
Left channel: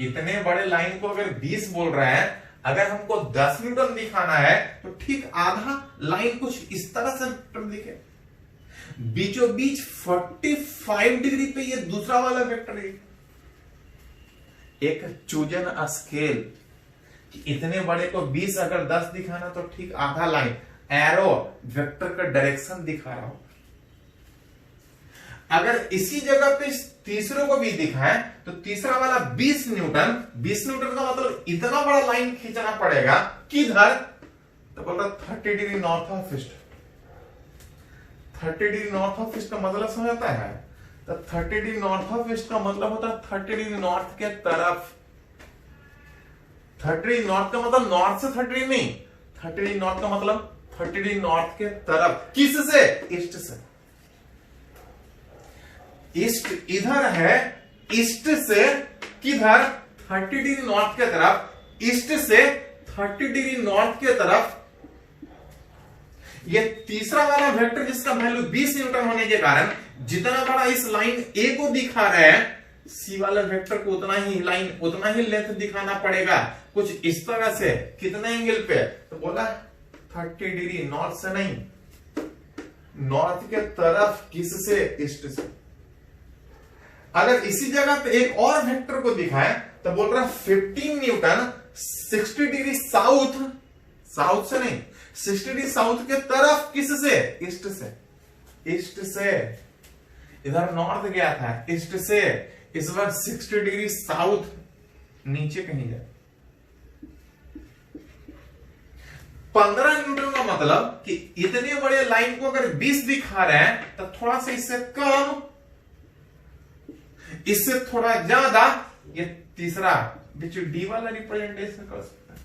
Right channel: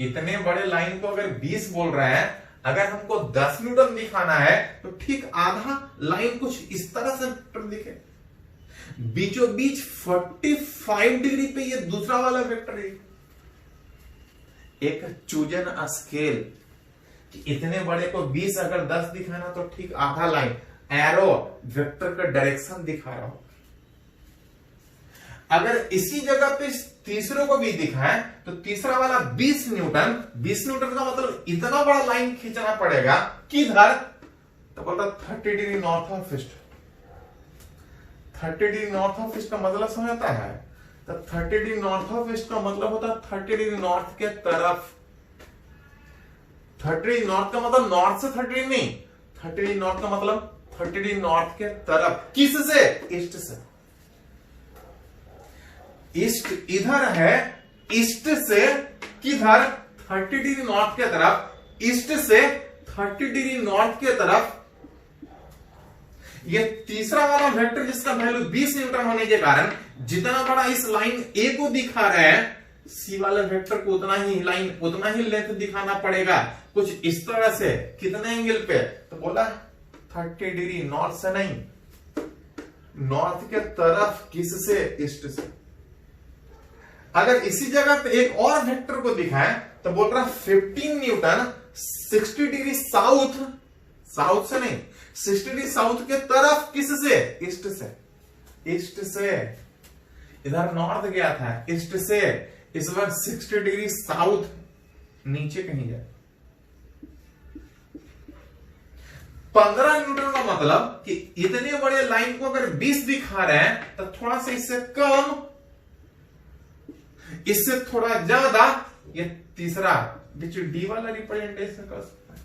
इतने बड़े लाइन को अगर 20 बोल रहे हैं, अगर हमको 10 न्यूटन दिखाना है तो ठीक आधा लाइन कुछ इस तरह से दिखे। बीचों बीच 45 डिग्री पे ये दूसरा वाला वेक्टर है। एक चूजन स्केल कि इतने बड़े को 20 अगर 10 दिखाना तो ठीक आधा लाइन एरो वेक्टर का डायरेक्शन दिखा रहा हो। अगर इसी जगह पे तीसरे को भी दिखाएं तो तीसरा वाला 20 न्यूटन, 20 न्यूटन का मतलब इतना बड़ा लाइन खींचना पड़ेगा किधर, तो बोल रहा 30 degree north of east. 30 degree north of east का मतलब समझता है, तो 30 डिग्री नॉर्थ ऑफ ईस्ट का मतलब होता है 30 डिग्री नॉर्थ के तरफ। 30 डिग्री नॉर्थ का मतलब नॉर्थ से 30 डिग्री नहीं, 30 डिग्री नॉर्थ का मतलब 30 डिग्री नॉर्थ के तरफ। किससे, ईस्ट से। ईस्ट इधर है, ईस्ट से किधर, 30 डिग्री नॉर्थ के तरफ, ईस्ट से 30 डिग्री नॉर्थ के तरफ। ये तीसरा वाला वेक्टर जिसका वैल्यू 20 न्यूटन होने के कारण जितना बड़ा इस लाइन ए को दिखा रहा है, सी वाले वेक्टर को उतना ही लाइन, उतना ही लेंथ दिखाना पड़ेगा, कुछ इस तरह से। कितने एंगल पे, तो बोला 30 डिग्री नॉर्थ से नहीं, नॉर्थ के तरफ। किससे, ईस्ट से। अगर इसी जगह पे एक और वेक्टर को दिखाएं तो बोल रहा 15 न्यूटन 60 डिग्री साउथ, साउथ से नहीं 60 डिग्री साउथ के तरफ। किससे, ईस्ट से। ईस्ट से, इधर नॉर्थ गया था, ईस्ट से इस बार 60 डिग्री साउथ, नीचे कहीं जाए। 15 न्यूटन का मतलब कि इतने बड़े लाइन को अगर 20 दिखा रहे हैं तो थोड़ा सा इससे कम, इससे थोड़ा ज्यादा। ये तीसरा डी वाला रिप्रेजेंटेशन कर सकते हैं।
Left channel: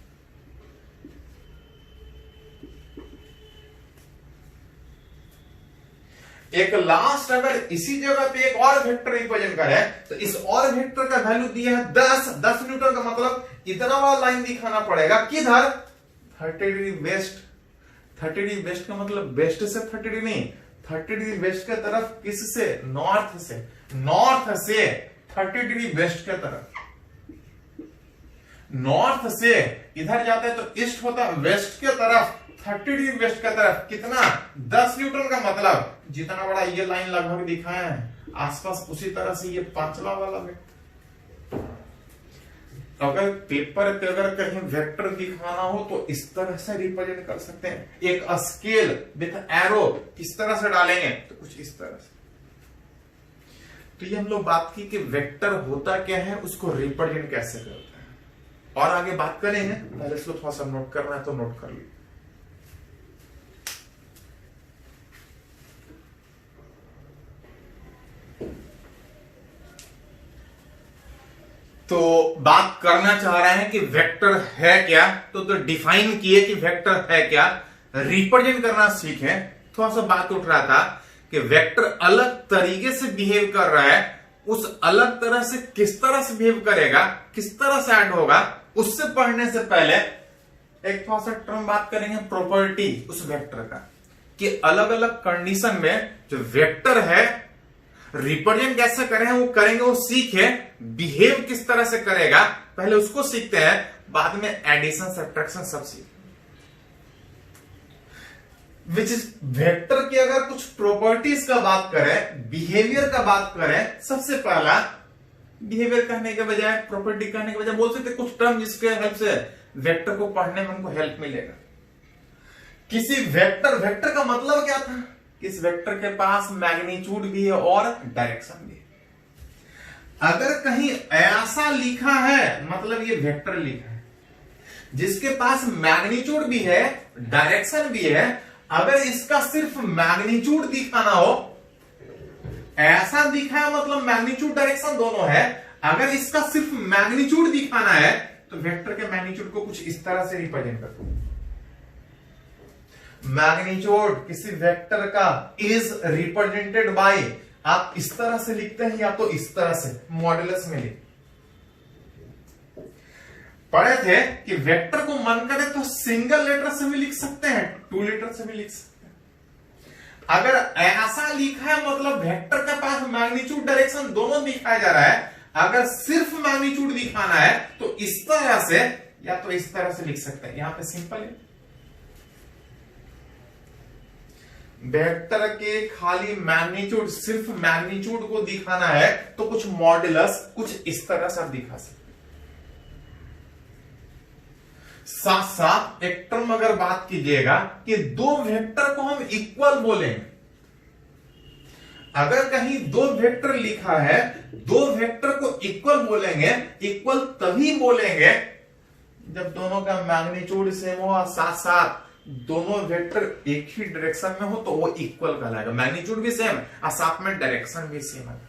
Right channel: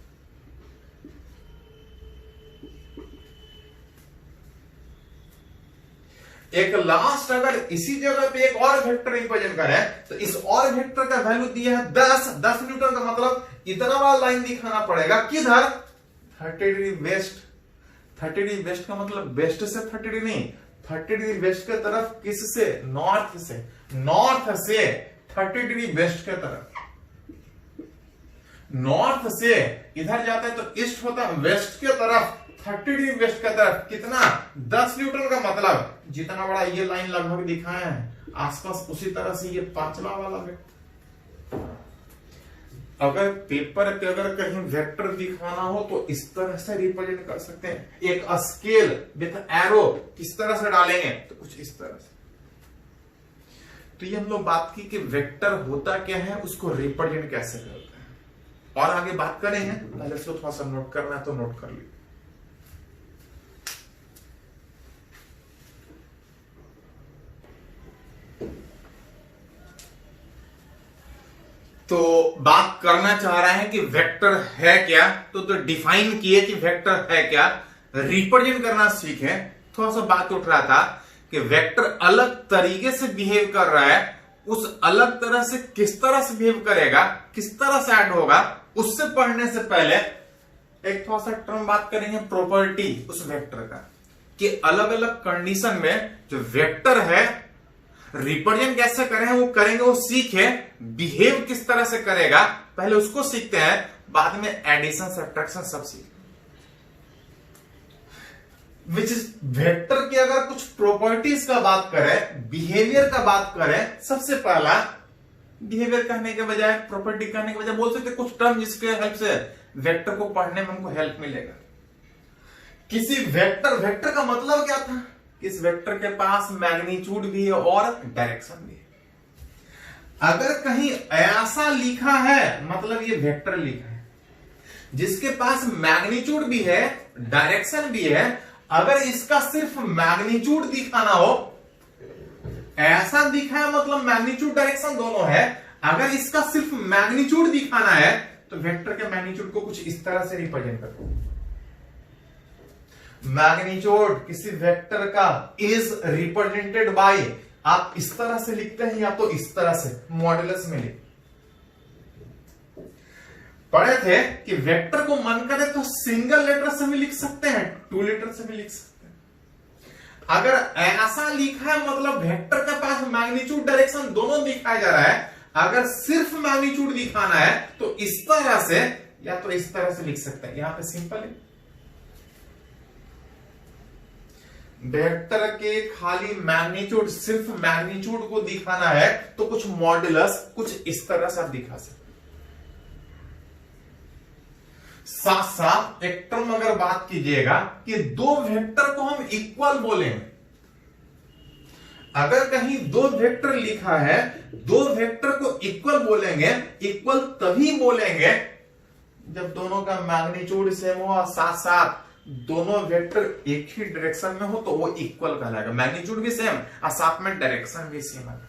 एक लास्ट अगर इसी जगह पे एक और वेक्टर रिप्रेजेंट करे तो इस और वेक्टर का वैल्यू दिया है 10 न्यूटन का मतलब इतना वाला लाइन दिखाना पड़ेगा किधर, 30 डिग्री वेस्ट। 30 डिग्री वेस्ट का मतलब वेस्ट से 30 डिग्री नहीं, 30 डिग्री वेस्ट के तरफ, किससे? नॉर्थ से। नॉर्थ से 30 डिग्री वेस्ट के तरफ। नॉर्थ से इधर जाता है तो ईस्ट होता है, वेस्ट के तरफ 30 डिग्री वेस्ट की तरफ कितना? 10 न्यूटन का मतलब जितना बड़ा ये लाइन लगभग दिखाया है, आसपास उसी तरह से ये पांचवा वाला वेक्टर। अगर पेपर पे अगर कहीं वेक्टर दिखाना हो तो इस तरह से रिप्रेजेंट कर सकते हैं। एक स्केल विथ एरो किस तरह से डालेंगे? तो कुछ इस तरह से। तो ये हम लोग बात की कि वेक्टर होता क्या है, उसको रिप्रेजेंट कैसे करते हैं, और आगे बात करेंगे। पहले इसको थोड़ा सा नोट करना है तो नोट कर लीजिए। तो बात करना चाह रहे हैं कि वेक्टर है क्या, तो डिफाइन किए कि वेक्टर है क्या, रिप्रेजेंट करना सीखे। थोड़ा सा बात उठ रहा था कि वेक्टर अलग तरीके से बिहेव कर रहा है, उस अलग तरह से किस तरह से बिहेव करेगा, किस तरह से ऐड होगा, उससे पढ़ने से पहले एक थोड़ा सा टर्म बात करेंगे, प्रॉपर्टी उस वेक्टर का, कि अलग अलग कंडीशन में जो वेक्टर है रिप्रेजेंट कैसे करें, वो करेंगे, वो सीखे। बिहेव किस तरह से करेगा पहले उसको सीखते हैं, बाद में एडिशन सब्ट्रैक्शन सब सीखेंगे। विच इज वेक्टर की अगर कुछ प्रॉपर्टीज का बात करें, बिहेवियर का बात करें, सबसे पहला बिहेवियर कहने के बजाय, प्रॉपर्टी कहने के बजाय बोल सकते कुछ टर्म जिसके हेल्प से वेक्टर को पढ़ने में हमको हेल्प मिलेगा। किसी वेक्टर का मतलब क्या था? इस वेक्टर के पास मैग्नीट्यूड भी है और डायरेक्शन भी है। अगर कहीं ऐसा लिखा है मतलब ये वेक्टर लिखा है, जिसके पास मैग्नीट्यूड भी है, डायरेक्शन भी है। अगर इसका सिर्फ मैग्नीट्यूड दिखाना हो, ऐसा दिखा है मतलब मैग्नीट्यूड डायरेक्शन दोनों है। अगर इसका सिर्फ मैग्नीट्यूड दिखाना है तो वेक्टर के मैग्नीट्यूड को कुछ इस तरह से रिप्रेजेंट करो। मैग्नीट्यूड किसी वेक्टर का इज रिप्रेजेंटेड बाय, आप इस तरह से लिखते हैं या तो इस तरह से मॉड्यूलस में लिख पढ़े थे कि वेक्टर को मन करे तो सिंगल लेटर से भी लिख सकते हैं, 2 लेटर से भी लिख सकते हैं। अगर ऐसा लिखा है मतलब वेक्टर के पास मैग्नीट्यूड डायरेक्शन दोनों दिखाया जा रहा है। अगर सिर्फ मैग्नीट्यूड दिखाना है तो इस तरह से या तो इस तरह से लिख सकते हैं। यहां पे सिंपल है, वेक्टर के खाली मैग्नीट्यूड, सिर्फ मैग्नीट्यूड को दिखाना है तो कुछ मॉड्यूलस कुछ इस तरह से आप दिखा सकते। साथ साथ एक टर्म अगर बात कीजिएगा कि दो वेक्टर को हम इक्वल बोलेंगे। अगर कहीं दो वेक्टर लिखा है, दो वेक्टर को इक्वल बोलेंगे। इक्वल तभी बोलेंगे जब दोनों का मैग्नीट्यूड सेम हो और साथ साथ दोनों वेक्टर एक ही डायरेक्शन में हो तो वो इक्वल कहलाएगा। मैग्नीट्यूड भी सेम और साथ में डायरेक्शन भी सेम है।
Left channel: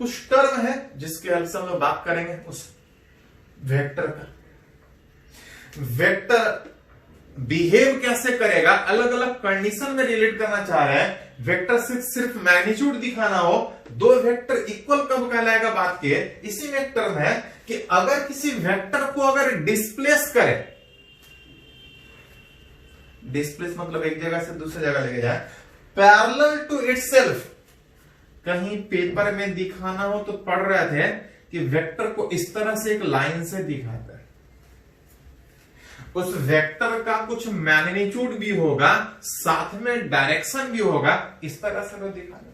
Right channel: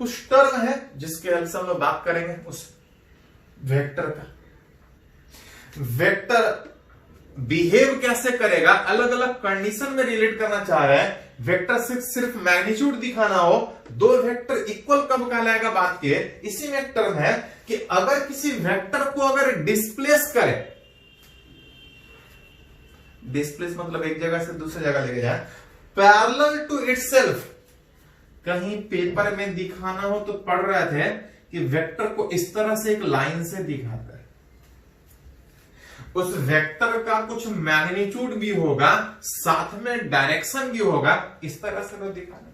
कुछ टर्म है जिसके हेल्प से हम लोग बात करेंगे उस वेक्टर का। वेक्टर बिहेव कैसे करेगा, अलग अलग कंडीशन में रिलेट करना चाह रहे हैं। वेक्टर सिर्फ मैग्नीट्यूड दिखाना हो, दो वेक्टर इक्वल कब कहलाएगा बात किए। इसी में एक टर्म है कि अगर किसी वेक्टर को अगर डिस्प्लेस करे, डिस्प्लेस मतलब एक जगह से दूसरी जगह लेके जाए, पैरेलल टू इटसेल्फ, कहीं पेपर में दिखाना हो तो पढ़ रहे थे कि वेक्टर को इस तरह से एक लाइन से दिखाता है। उस वेक्टर का कुछ मैग्नीट्यूड भी होगा, साथ में डायरेक्शन भी होगा, इस तरह से लोग दिखाना।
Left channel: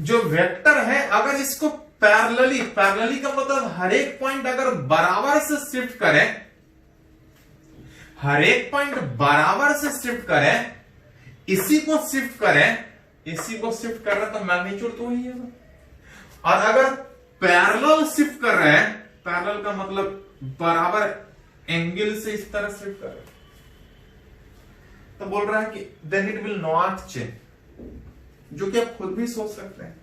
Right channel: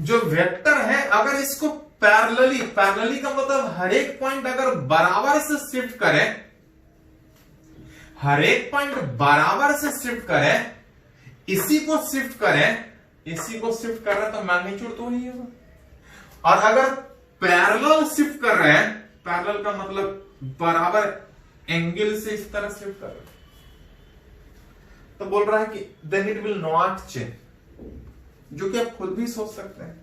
जो वेक्टर है अगर इसको पैरेलली, पैरेलली का मतलब हर एक पॉइंट अगर बराबर से शिफ्ट करें, हर एक पॉइंट बराबर से शिफ्ट करें, इसी को शिफ्ट करें, इसी को शिफ्ट कर रहे हैं तो मैग्नीट्यूड तो वही होगा। और अगर पैरेलल शिफ्ट कर रहे हैं, पैरेलल का मतलब बराबर एंगल से इस तरह शिफ्ट कर रहे हैं, तो बोल रहा है कि then it will not change. जो कि आप खुद भी सोच सकते हैं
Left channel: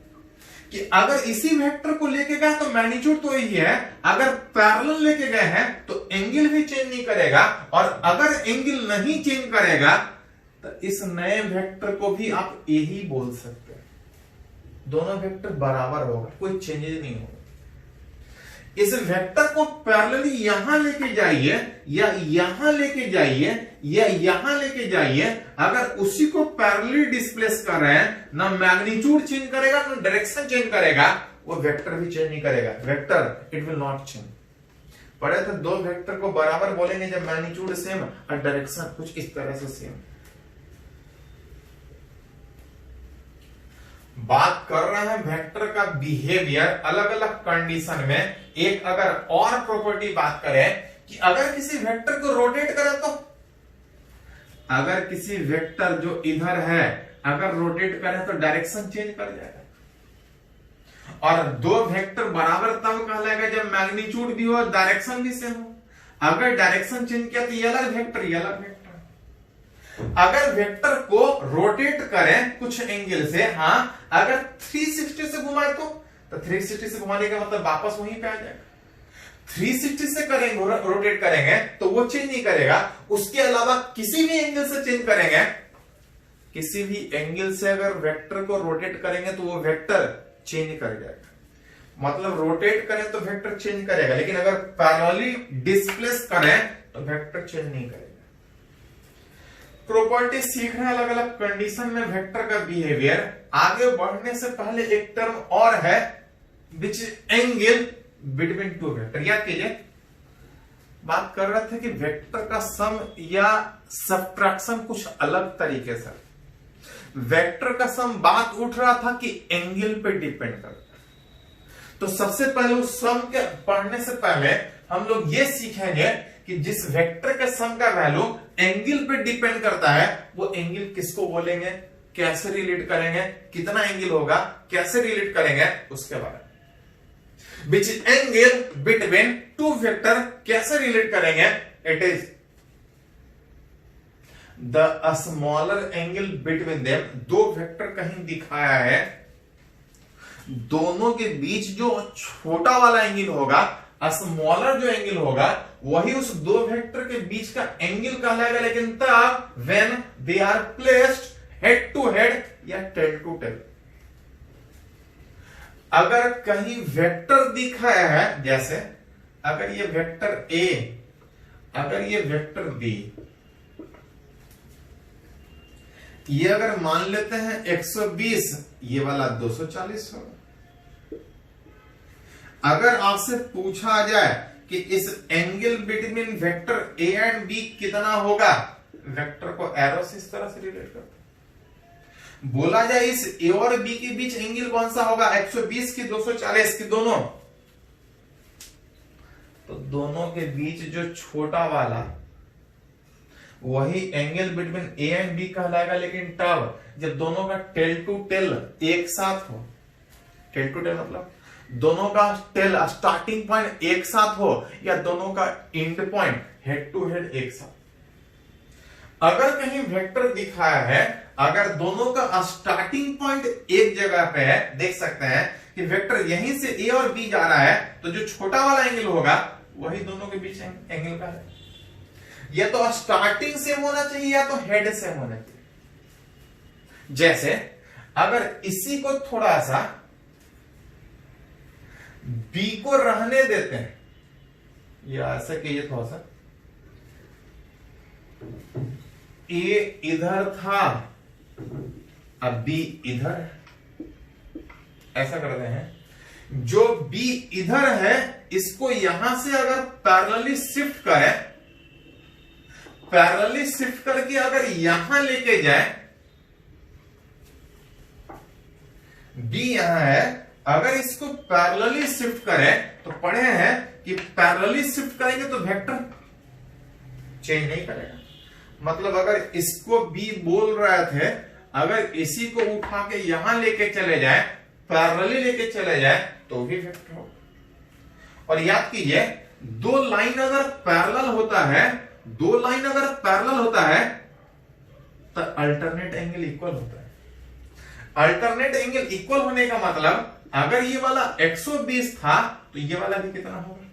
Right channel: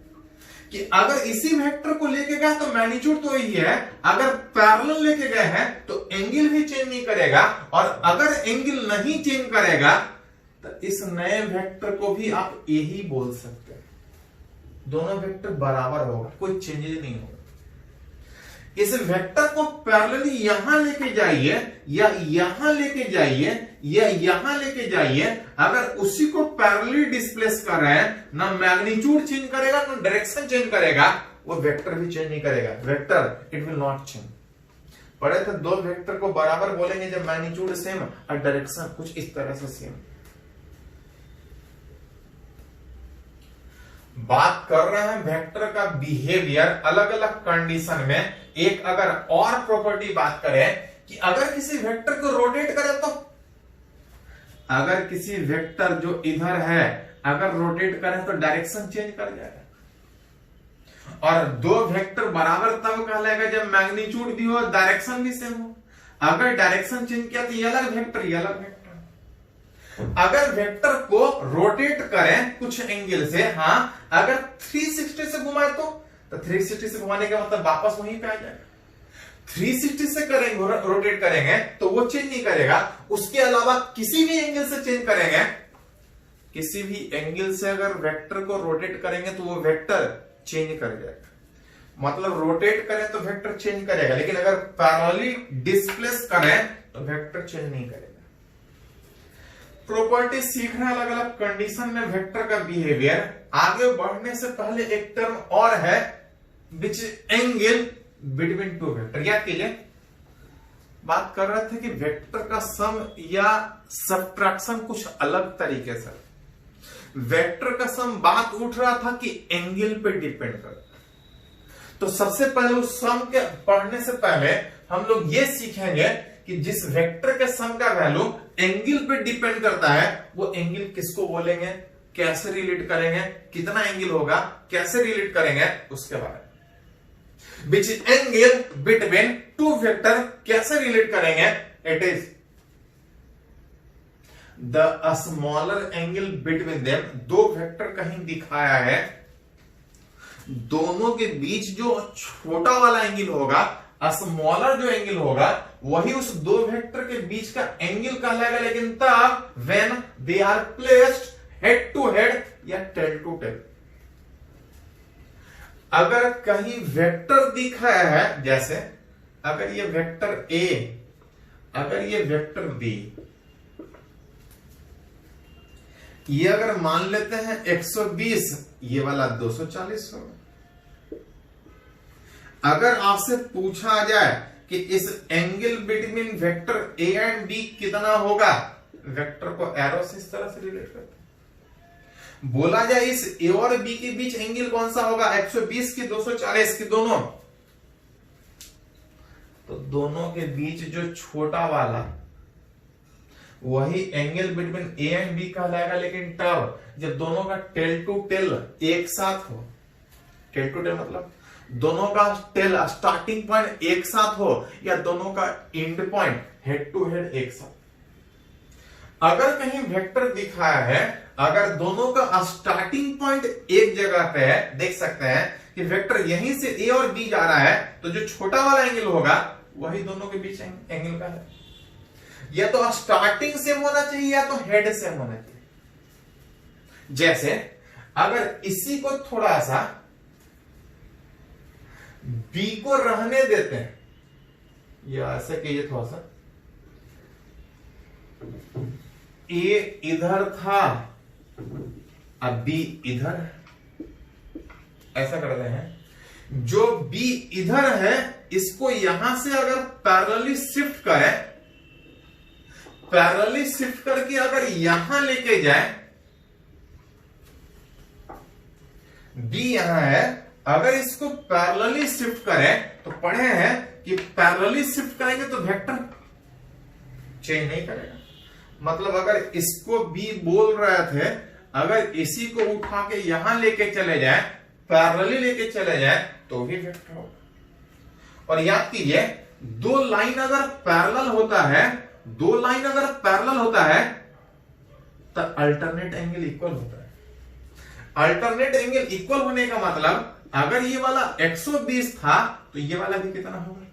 कि अगर इसी वेक्टर को लेके गए तो मैग्नीट्यूड तो यही है, अगर पैरेलल लेके गए हैं तो एंगल भी चेंज नहीं करेगा। और अगर एंगल नहीं चेंज करेगा तो इस नए वेक्टर को भी आप यही बोल सकते हैं। दोनों वेक्टर बराबर होगा, कोई चेंजेस नहीं होगा। इस वेक्टर को पैरेलली यहां लेके जाइए या यहां लेके जाइए या यहां लेके जाइए, अगर उसी को पैरेलली डिस्प्लेस कर रहे हैं, ना मैग्नीट्यूड चेंज करेगा ना डायरेक्शन चेंज करेगा, वो वेक्टर भी चेंज नहीं करेगा। Vector it will not change. पढ़े थे दो वेक्टर को बराबर बोलेंगे जब मैग्नीट्यूड सेम और डायरेक्शन कुछ इस तरह से सेम। बात कर रहे हैं वेक्टर का बिहेवियर अलग अलग कंडीशन में। एक अगर और प्रॉपर्टी बात करें कि अगर किसी वेक्टर को रोटेट करें तो, अगर किसी वेक्टर जो इधर है अगर रोटेट करें तो डायरेक्शन चेंज कर जाएगा। और दो वेक्टर बराबर तब कहलाएगा जब मैग्नीट्यूड भी हो डायरेक्शन भी सेम हो। अगर डायरेक्शन चेंज किया तो ये अलग वेक्टर, ये अलग वेक्टर। अगर वेक्टर को रोटेट करें कुछ एंगल से, हाँ अगर 360 से घुमाए तो 360 से घुमाने का मतलब वापस वहीं पे आ जाएगा। 360 से करेंगे रोटेट करेंगे तो वो चेंज नहीं करेगा। उसके अलावा किसी भी एंगल से चेंज करेंगे, किसी भी एंगल से अगर वेक्टर को रोटेट करेंगे तो वो वेक्टर चेंज कर जाएगा। मतलब रोटेट करें तो वेक्टर चेंज करेगा, लेकिन अगर पैरेलली डिस्प्लेस करें तो वेक्टर चेंज नहीं करेगा। प्रॉपर्टी सीख रहे हैं अलग अलग कंडीशन में वेक्टर का बिहेवियर। आगे बढ़ने से पहले एक टर्म और है which angle between two vector. याद कीजिए बात कर रहे थे कि वेक्टर का सम या सब्ट्रैक्शन कुछ अलग तरीके से। वेक्टर का सम बात उठ रहा था कि एंगल पे डिपेंड करता है। तो सबसे पहले उस सम के पढ़ने से पहले हम लोग ये सीखेंगे कि जिस वेक्टर के सम का वैल्यू एंगल पे डिपेंड करता है वो एंगल किसको बोलेंगे, कैसे रिलेट करेंगे, कितना एंगल होगा, कैसे रिलेट करेंगे, उसके बारे में। Which angle between two vector कैसे रिलेट करेंगे, it is the smaller angle between them. दो वेक्टर कहीं दिखाया है, दोनों के बीच जो छोटा वाला एंगल होगा, स्मॉलर जो एंगल होगा, वही उस दो वेक्टर के बीच का एंगल कहलाएगा। लेकिन तब when they are placed head to head या टेल टू टेल। अगर कहीं वेक्टर दिखाया है, जैसे अगर ये वेक्टर ए, अगर ये वेक्टर बी, ये अगर मान लेते हैं 120, ये वाला 240 होगा। अगर आपसे पूछा जाए कि इस angle between vector A and B कितना होगा, वेक्टर को एरो से इस तरह से रिलेट करते हैं। बोला जाए इस ए और बी के बीच एंगल कौन सा होगा, 120 की 240 की, दोनों, तो दोनों के बीच जो छोटा वाला वही angle between A and B कहलाएगा। लेकिन तब जब दोनों का टेल टू टेल एक साथ हो, टेल टू टेल मतलब दोनों का टेल स्टार्टिंग पॉइंट एक साथ हो या दोनों का end point head to head एक साथ। अगर कहीं वेक्टर दिखाया है, अगर दोनों का स्टार्टिंग पॉइंट एक जगह पे है, देख सकते हैं कि वेक्टर यहीं से ए और बी जा रहा है, तो जो छोटा वाला एंगल होगा वही दोनों के बीच एंगल का है। या तो स्टार्टिंग सेम होना चाहिए या तो हेड सेम होना चाहिए। जैसे अगर इसी को थोड़ा सा बी को रहने देते हैं, या ऐसा कीजिए थोड़ा सा, ए इधर था अब बी इधर, ऐसा करते हैं। जो बी इधर है इसको यहां से अगर पैरेलली शिफ्ट करें, पैरेलली शिफ्ट करके अगर यहां लेके जाए, बी यहां है, अगर इसको पैरेलली शिफ्ट करें तो पढ़े हैं कि पैरेलली शिफ्ट करेंगे तो वेक्टर चेंज नहीं करेगा। मतलब अगर इसको बी बोल रहे थे, अगर इसी को उठा के यहां लेके चले जाए, पैरेलली लेके चले जाए तो भी वेक्टर होगा। और याद कीजिए दो लाइन अगर पैरेलल होता है, दो लाइन अगर पैरेलल होता है तो अल्टरनेट एंगल इक्वल होता है। अल्टरनेट एंगल इक्वल होने का मतलब अगर ये वाला 120 था तो ये वाला भी कितना होगा।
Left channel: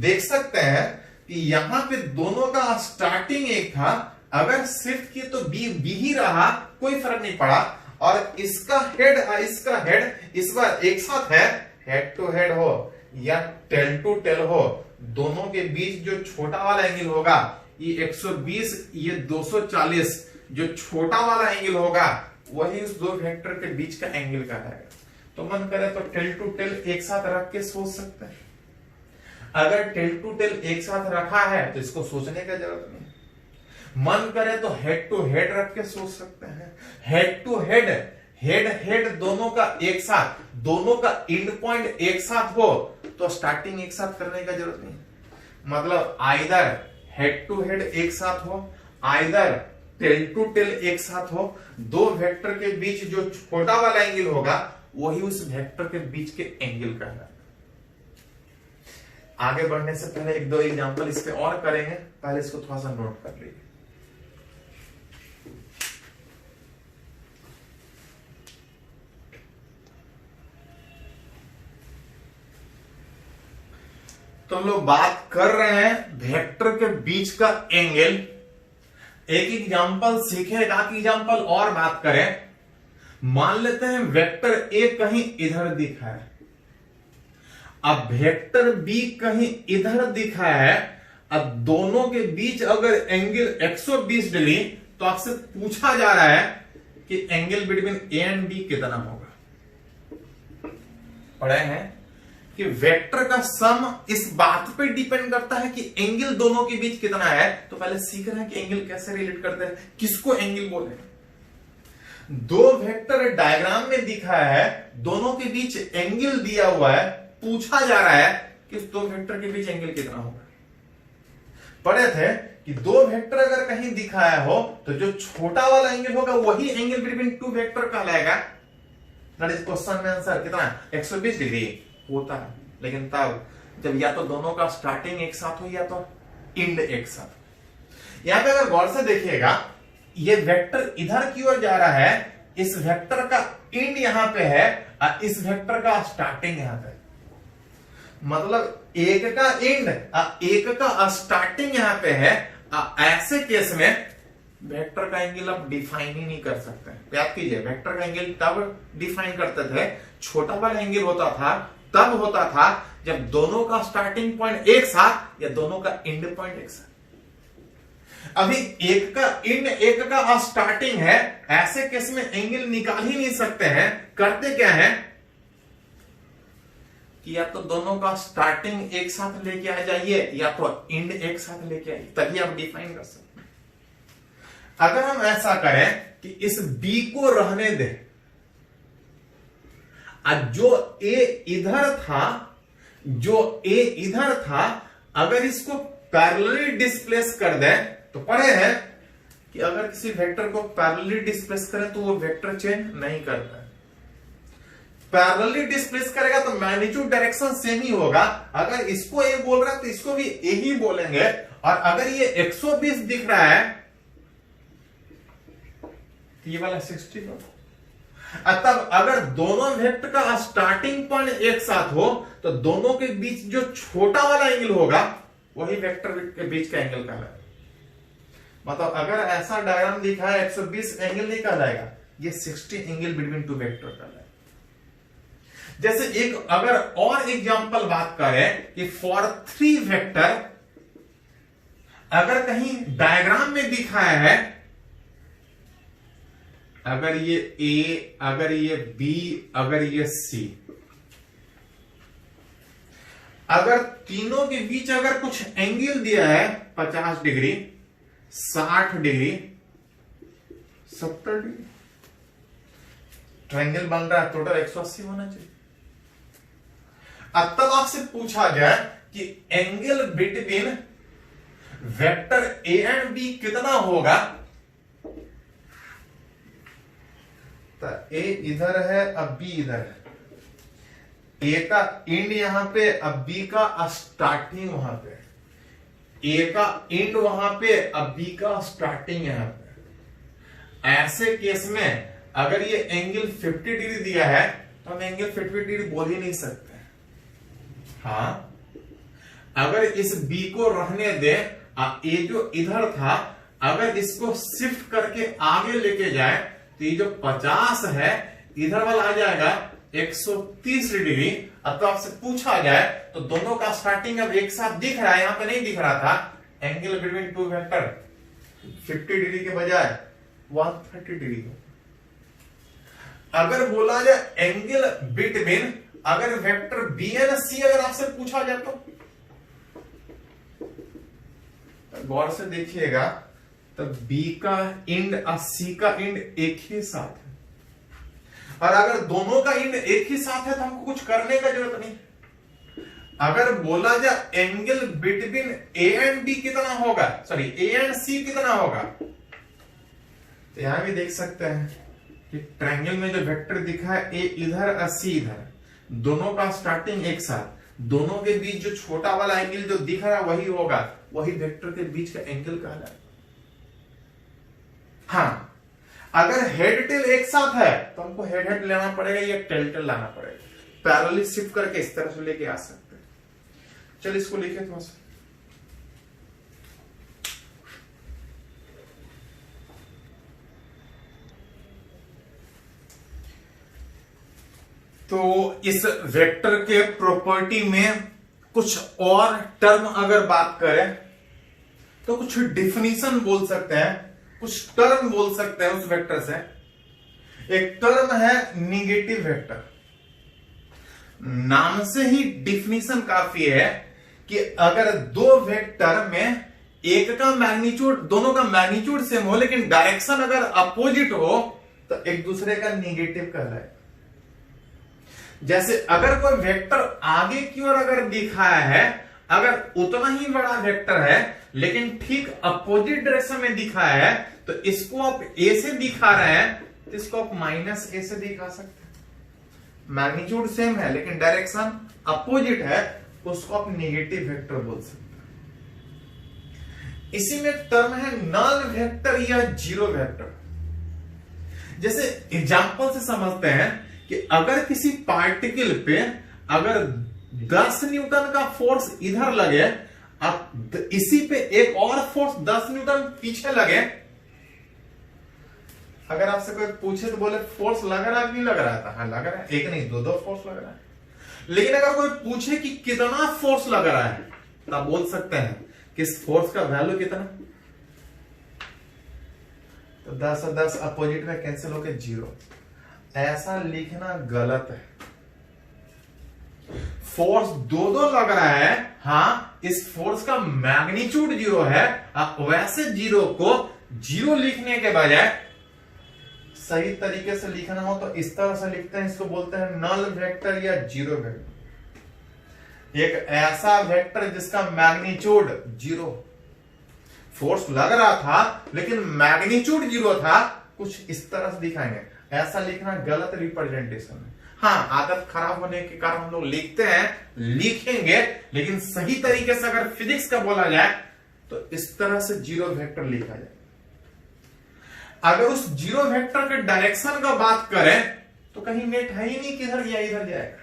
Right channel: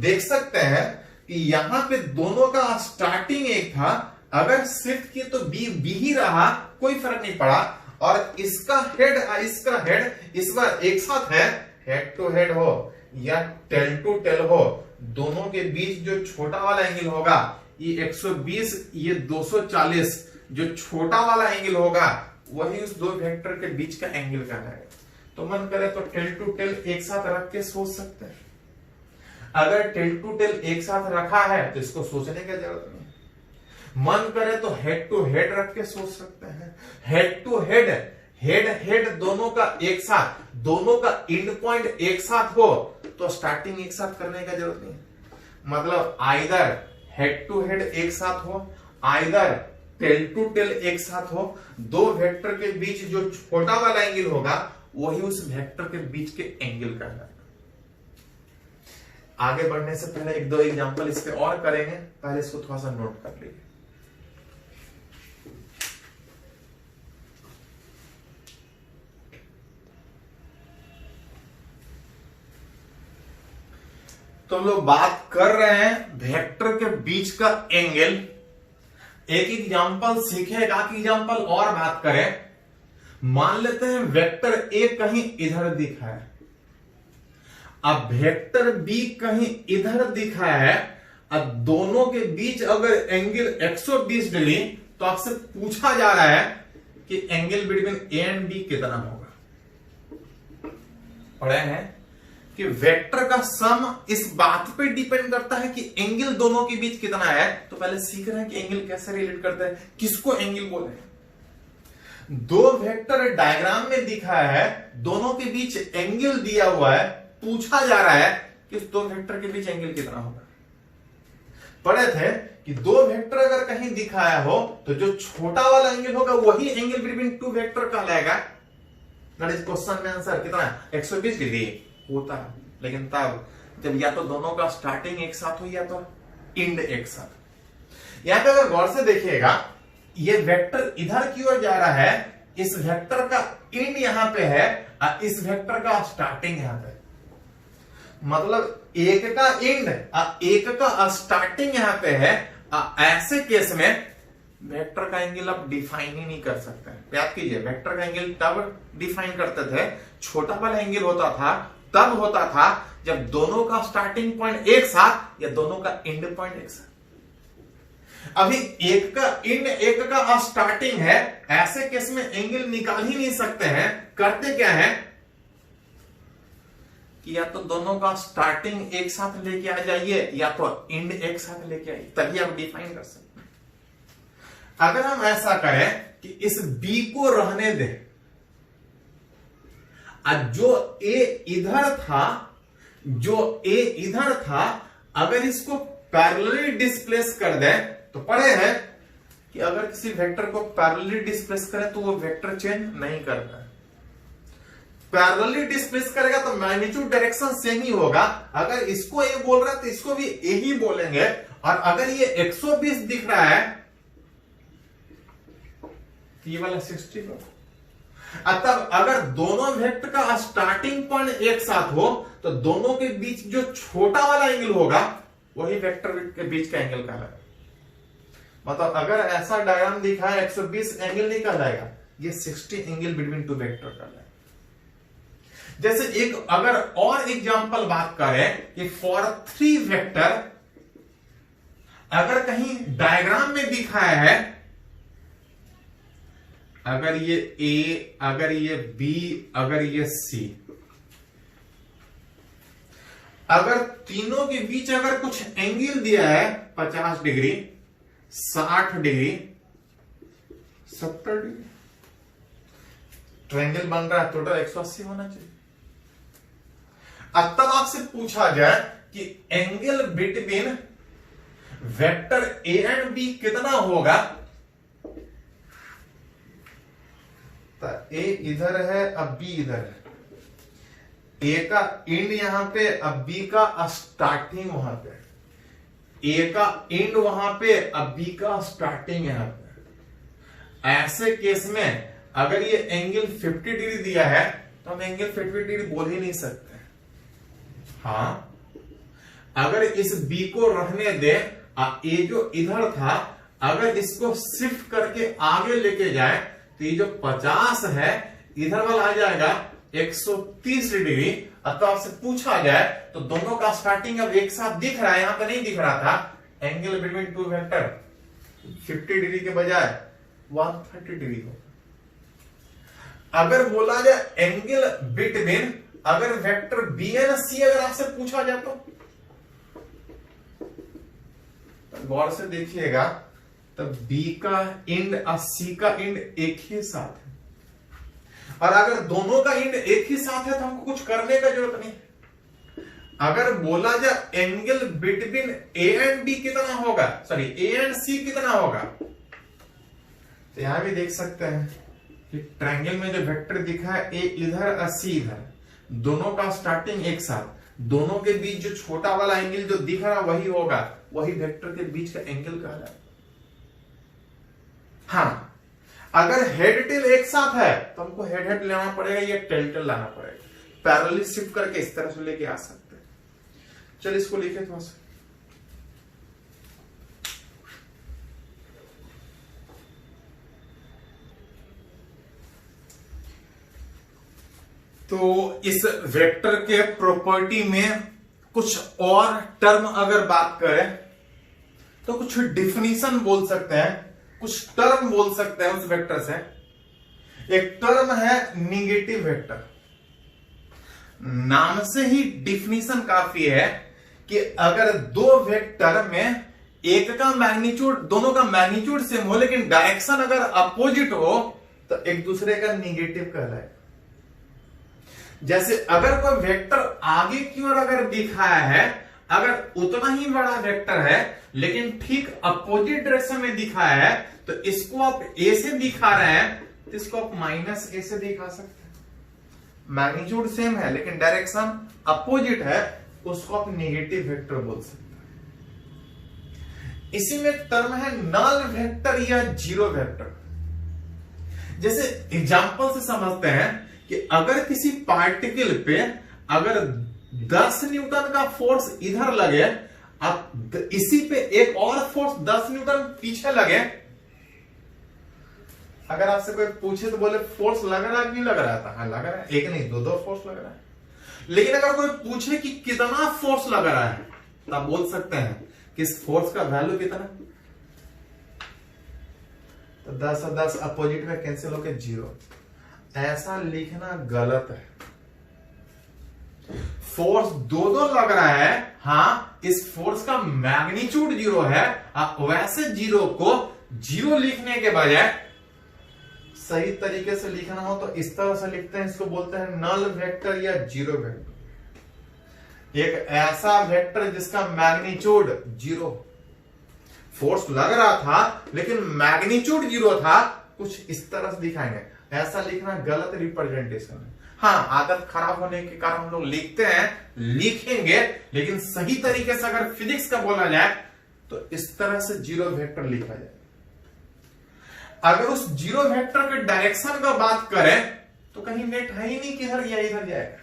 देख सकते हैं कि यहां पे दोनों का स्टार्टिंग एक था, अगर शिफ्ट किए तो बी ही रहा, कोई फर्क नहीं पड़ा। और इसका हेड इसका हेड इस बार एक साथ है, हेड टू हेड हो या टेल टू टेल हो, दोनों के बीच जो छोटा वाला एंगल होगा ये 120, ये 240, जो छोटा वाला एंगल होगा वही उस दो वेक्टर के बीच का एंगल कहलाएगा। तो मन करे तो टेल टू टेल एक साथ रख के सोच सकते हैं। अगर टेल टू टेल एक साथ रखा है तो इसको सोचने की जरूरत नहीं। मन करे तो हेड टू हेड रख के सोच सकते हैं। Head to head, head head दोनों का एक साथ, दोनों का एंड पॉइंट एक साथ हो तो स्टार्टिंग एक साथ करने का जरूरत नहीं। मतलब आइदर हेड टू हेड एक साथ हो, आइदर टेल टू टेल एक साथ हो, दो वेक्टर के बीच जो छोटा वाला एंगल होगा वही उस वेक्टर के बीच के एंगल का है। आगे बढ़ने से पहले एक दो एग्जांपल इस पे और करेंगे, पहले इसको थोड़ा सा नोट कर लीजिए। तो लोग बात कर रहे हैं वेक्टर के बीच का एंगल। एक एग्जांपल सीखेगा कि एग्जांपल और बात करें। मान लेते हैं वेक्टर ए कहीं इधर दिखा है, अब वेक्टर बी कहीं इधर दिखा है। अब दोनों के बीच अगर एंगल 120 डिग्री, तो आपसे पूछा जा रहा है कि angle between A and B कितना होगा। पढ़े हैं कि वेक्टर का सम इस बात पे डिपेंड करता है कि एंगल दोनों के बीच कितना है। तो पहले सीख रहे हैं कि एंगल कैसे रिलेट करते हैं, किसको एंगल बोले। दो वेक्टर डायग्राम में दिखा है, दोनों के बीच एंगल दिया हुआ है, पूछा जा रहा है कि दो वेक्टर के बीच एंगल कितना होगा। पढ़े थे कि दो वेक्टर अगर कहीं दिखाया हो तो जो छोटा वाला एंगल होगा वही एंगल बिटवीन टू वेक्टर कहलाएगा। दैट इज क्वेश्चन में आंसर कितना है, 120 डिग्री होता है। लेकिन तब जब या तो दोनों का स्टार्टिंग एक साथ हो या तो एंड एक साथ। यहां पे अगर गौर से देखिएगा, ये वेक्टर इधर की ओर जा रहा है, इस वेक्टर का एंड यहां पे है और इस वेक्टर का स्टार्टिंग यहां पे। मतलब एक का एंड एक का स्टार्टिंग यहां पे है। ऐसे केस में वेक्टर का एंगल आप डिफाइन ही नहीं कर सकते। याद कीजिए, वेक्टर का एंगल तब डिफाइन करते थे, छोटा वाला एंगल होता था तब होता था जब दोनों का स्टार्टिंग पॉइंट एक साथ या दोनों का एंड पॉइंट एक साथ। अभी एक का एंड एक का स्टार्टिंग है, ऐसे केस में एंगल निकाल ही नहीं सकते हैं। करते क्या है कि या तो दोनों का स्टार्टिंग एक साथ लेके आ जाइए या तो एंड एक साथ लेके आइए, तभी आप डिफाइन कर सकते हैं। अगर हम ऐसा करें कि इस बी को रहने दें, जो ए इधर था, जो ए इधर था, अगर इसको पैरेलली डिस्प्लेस कर दें तो पढ़े हैं कि अगर किसी वेक्टर को पैरेलली डिस्प्लेस करें तो वो वेक्टर चेंज नहीं करता है। पैरेलली डिस्प्लेस करेगा तो मैग्नीट्यूड डायरेक्शन सेम ही होगा। अगर इसको ए बोल रहा है तो इसको भी ए ही बोलेंगे। और अगर ये 120 दिख रहा है तो ये वाला 60 होगा। तब अगर दोनों वेक्टर का स्टार्टिंग पॉइंट एक साथ हो तो दोनों के बीच जो छोटा वाला एंगल होगा वही वेक्टर के बीच का एंगल कहलाएगा। मतलब अगर ऐसा डायग्राम दिखा है 120 एंगल नहीं कहलाएगा, ये 60 एंगल बिटवीन टू वेक्टर कहलाएगा। जैसे एक अगर और एग्जांपल बात करें कि फॉर 3 वेक्टर अगर कहीं डायग्राम में दिखाया है, अगर ये ए, अगर ये बी, अगर ये सी, अगर तीनों के बीच अगर कुछ एंगल दिया है 50 डिग्री, 60 डिग्री, 70 डिग्री, ट्रायंगल बन रहा है, टोटल 180 होना चाहिए। अब तब आपसे पूछा जाए कि angle between vector A and B कितना होगा, तो ए इधर है अब बी इधर है, ए का एंड यहां पे अब बी का स्टार्टिंग वहां पे, ए का एंड वहां पे अब बी का स्टार्टिंग यहां पे। ऐसे केस में अगर ये एंगल 50 डिग्री दिया है तो हम एंगल 50 डिग्री बोल ही नहीं सकते। हाँ, अगर इस बी को रहने दे, ए जो इधर था अगर इसको शिफ्ट करके आगे लेके जाए तो ये जो 50 है इधर वाला आ जाएगा 130 डिग्री। अब तो आपसे पूछा जाए तो दोनों का स्टार्टिंग अब एक साथ दिख रहा है, यहां पे नहीं दिख रहा था। Angle between two vector 50 degree के बजाय 130 डिग्री हो। अगर बोला जाए एंगल बिटवीन, अगर वेक्टर बी एंड सी अगर आपसे पूछा जाए तो गौर से देखिएगा, तो बी का इंड और सी का इंड एक ही साथ है, और अगर दोनों का इंड एक ही साथ है तो हमको कुछ करने का जरूरत नहीं। अगर बोला जाए angle between A and B कितना होगा, सॉरी ए एंड सी कितना होगा, तो यहां भी देख सकते हैं कि ट्रायंगल में जो वेक्टर दिखा है ए इधर और सी इधर, दोनों का स्टार्टिंग एक साथ, दोनों के बीच जो छोटा वाला एंगल जो दिख रहा है वही होगा, वही वेक्टर के बीच का एंगल कहलाएगा। हाँ, अगर हेड टेल एक साथ है तो हमको हेड हेड लेना पड़ेगा या टेल टेल लाना पड़ेगा। पैरेलली शिफ्ट करके इस तरह से लेके आ सकते हैं। चल इसको लिखे थोड़ा सा। तो इस वेक्टर के प्रॉपर्टी में कुछ और टर्म अगर बात करें तो कुछ डिफिनीशन बोल सकते हैं, कुछ टर्म बोल सकते हैं उस वेक्टर से। एक टर्म है निगेटिव वेक्टर। नाम से ही डिफिनीशन काफी है कि अगर दो वेक्टर में एक का मैग्नीट्यूड, दोनों का मैग्नीट्यूड सेम हो लेकिन डायरेक्शन अगर अपोजिट हो तो एक दूसरे का निगेटिव कहलाए। जैसे अगर कोई वेक्टर आगे की ओर अगर दिखाया है, अगर उतना ही बड़ा वेक्टर है लेकिन ठीक अपोजिट डायरेक्शन में दिखाया है, तो इसको आप ए से दिखा रहे हैं तो इसको आप माइनस ए से दिखा सकते हैं। मैग्नीट्यूड सेम है लेकिन डायरेक्शन अपोजिट है, उसको आप नेगेटिव वेक्टर बोल सकते हैं। इसी में एक टर्म है नल वेक्टर या जीरो वेक्टर। जैसे एग्जांपल से समझते हैं कि अगर किसी पार्टिकल पे अगर 10 न्यूटन का फोर्स इधर लगे, अब इसी पे एक और फोर्स 10 न्यूटन पीछे लगे, अगर आपसे कोई पूछे तो बोले फोर्स लग रहा है कि नहीं लग रहा था, हाँ लग रहा है, एक नहीं दो फोर्स लग रहा है। लेकिन अगर कोई पूछे कि कितना फोर्स लग रहा है तो आप बोल सकते हैं कि इस फोर्स का वैल्यू कितना, तो 10 और 10 अपोजिट में कैंसिल होकर 0। ऐसा लिखना गलत है। फोर्स दो लग रहा है, हाँ इस फोर्स का मैग्नीट्यूड 0 है, वैसे 0 को 0 लिखने के बजाय सही तरीके से लिखना हो तो इस तरह से लिखते हैं, इसको बोलते हैं नल वेक्टर या जीरो वेक्टर। एक ऐसा वेक्टर जिसका मैग्नीट्यूड 0, फोर्स लग रहा था लेकिन मैग्नीट्यूड 0 था, कुछ इस तरह से दिखाएंगे। ऐसा लिखना गलत रिप्रेजेंटेशन है। हाँ, आदत खराब होने के कारण हम लोग लिखते हैं, लिखेंगे, लेकिन सही तरीके से अगर फिजिक्स का बोला जाए तो इस तरह से जीरो वेक्टर लिखा जाए। अगर उस जीरो वेक्टर के डायरेक्शन का बात करें तो कहीं नेट है ही नहीं, किधर या इधर जाएगा,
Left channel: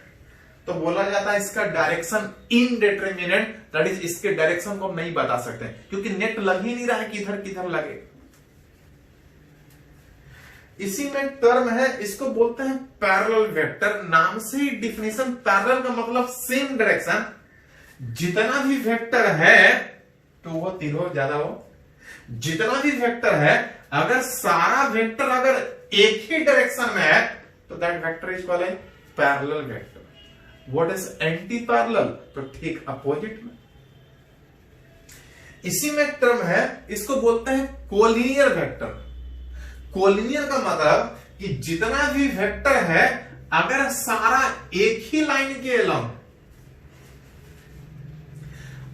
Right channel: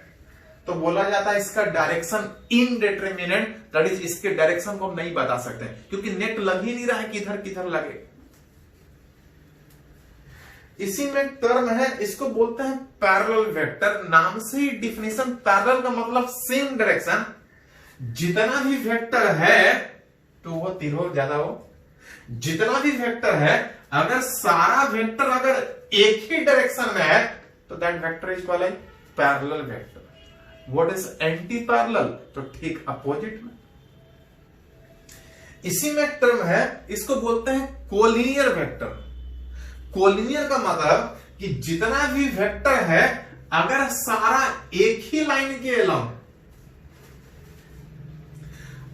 तो बोला जाता है इसका डायरेक्शन इनडिटरमिनेट, दैट इज इसके डायरेक्शन को हम नहीं बता सकते क्योंकि नेट लग ही नहीं रहा है किधर किधर लगे। इसी में टर्म है, इसको बोलते हैं पैरेलल वेक्टर। नाम से ही डिफिनेशन, पैरेलल का मतलब सेम डायरेक्शन। जितना भी वेक्टर है तो वो तीनों ज्यादा हो, जितना भी वेक्टर है अगर सारा वेक्टर अगर एक ही डायरेक्शन में है तो that vector is called parallel vector. What is anti parallel, तो ठीक अपोजिट में। इसी में टर्म है, इसको बोलते हैं कोलिनियर वेक्टर। कोलिनियर का मतलब कि जितना भी वेक्टर है अगर सारा एक ही लाइन के अलोंग,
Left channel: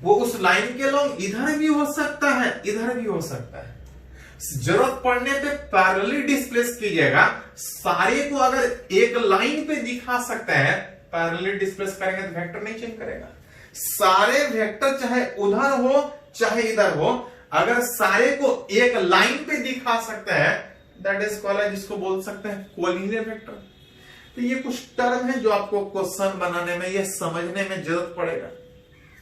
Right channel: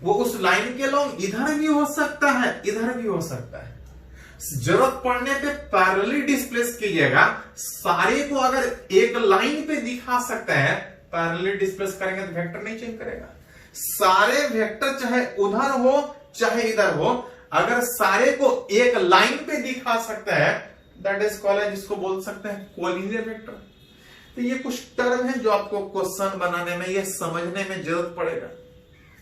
वो उस लाइन के अलोंग इधर भी हो सकता है इधर भी हो सकता है, जरूरत पड़ने पे पैरेलली डिस्प्लेस कीजिएगा। सारे को अगर एक लाइन पे दिखा सकते हैं, पैरेलली डिस्प्लेस करेंगे तो वेक्टर नहीं चेंज करेगा। सारे वेक्टर चाहे उधर हो चाहे इधर हो, अगर सारे को एक लाइन पे दिखा सकते हैं दैट इज कॉल्ड, जिसको बोल सकते हैं कोलिनियर वेक्टर। तो ये कुछ टर्म है जो आपको क्वेश्चन बनाने में या समझने में जरूरत पड़ेगा।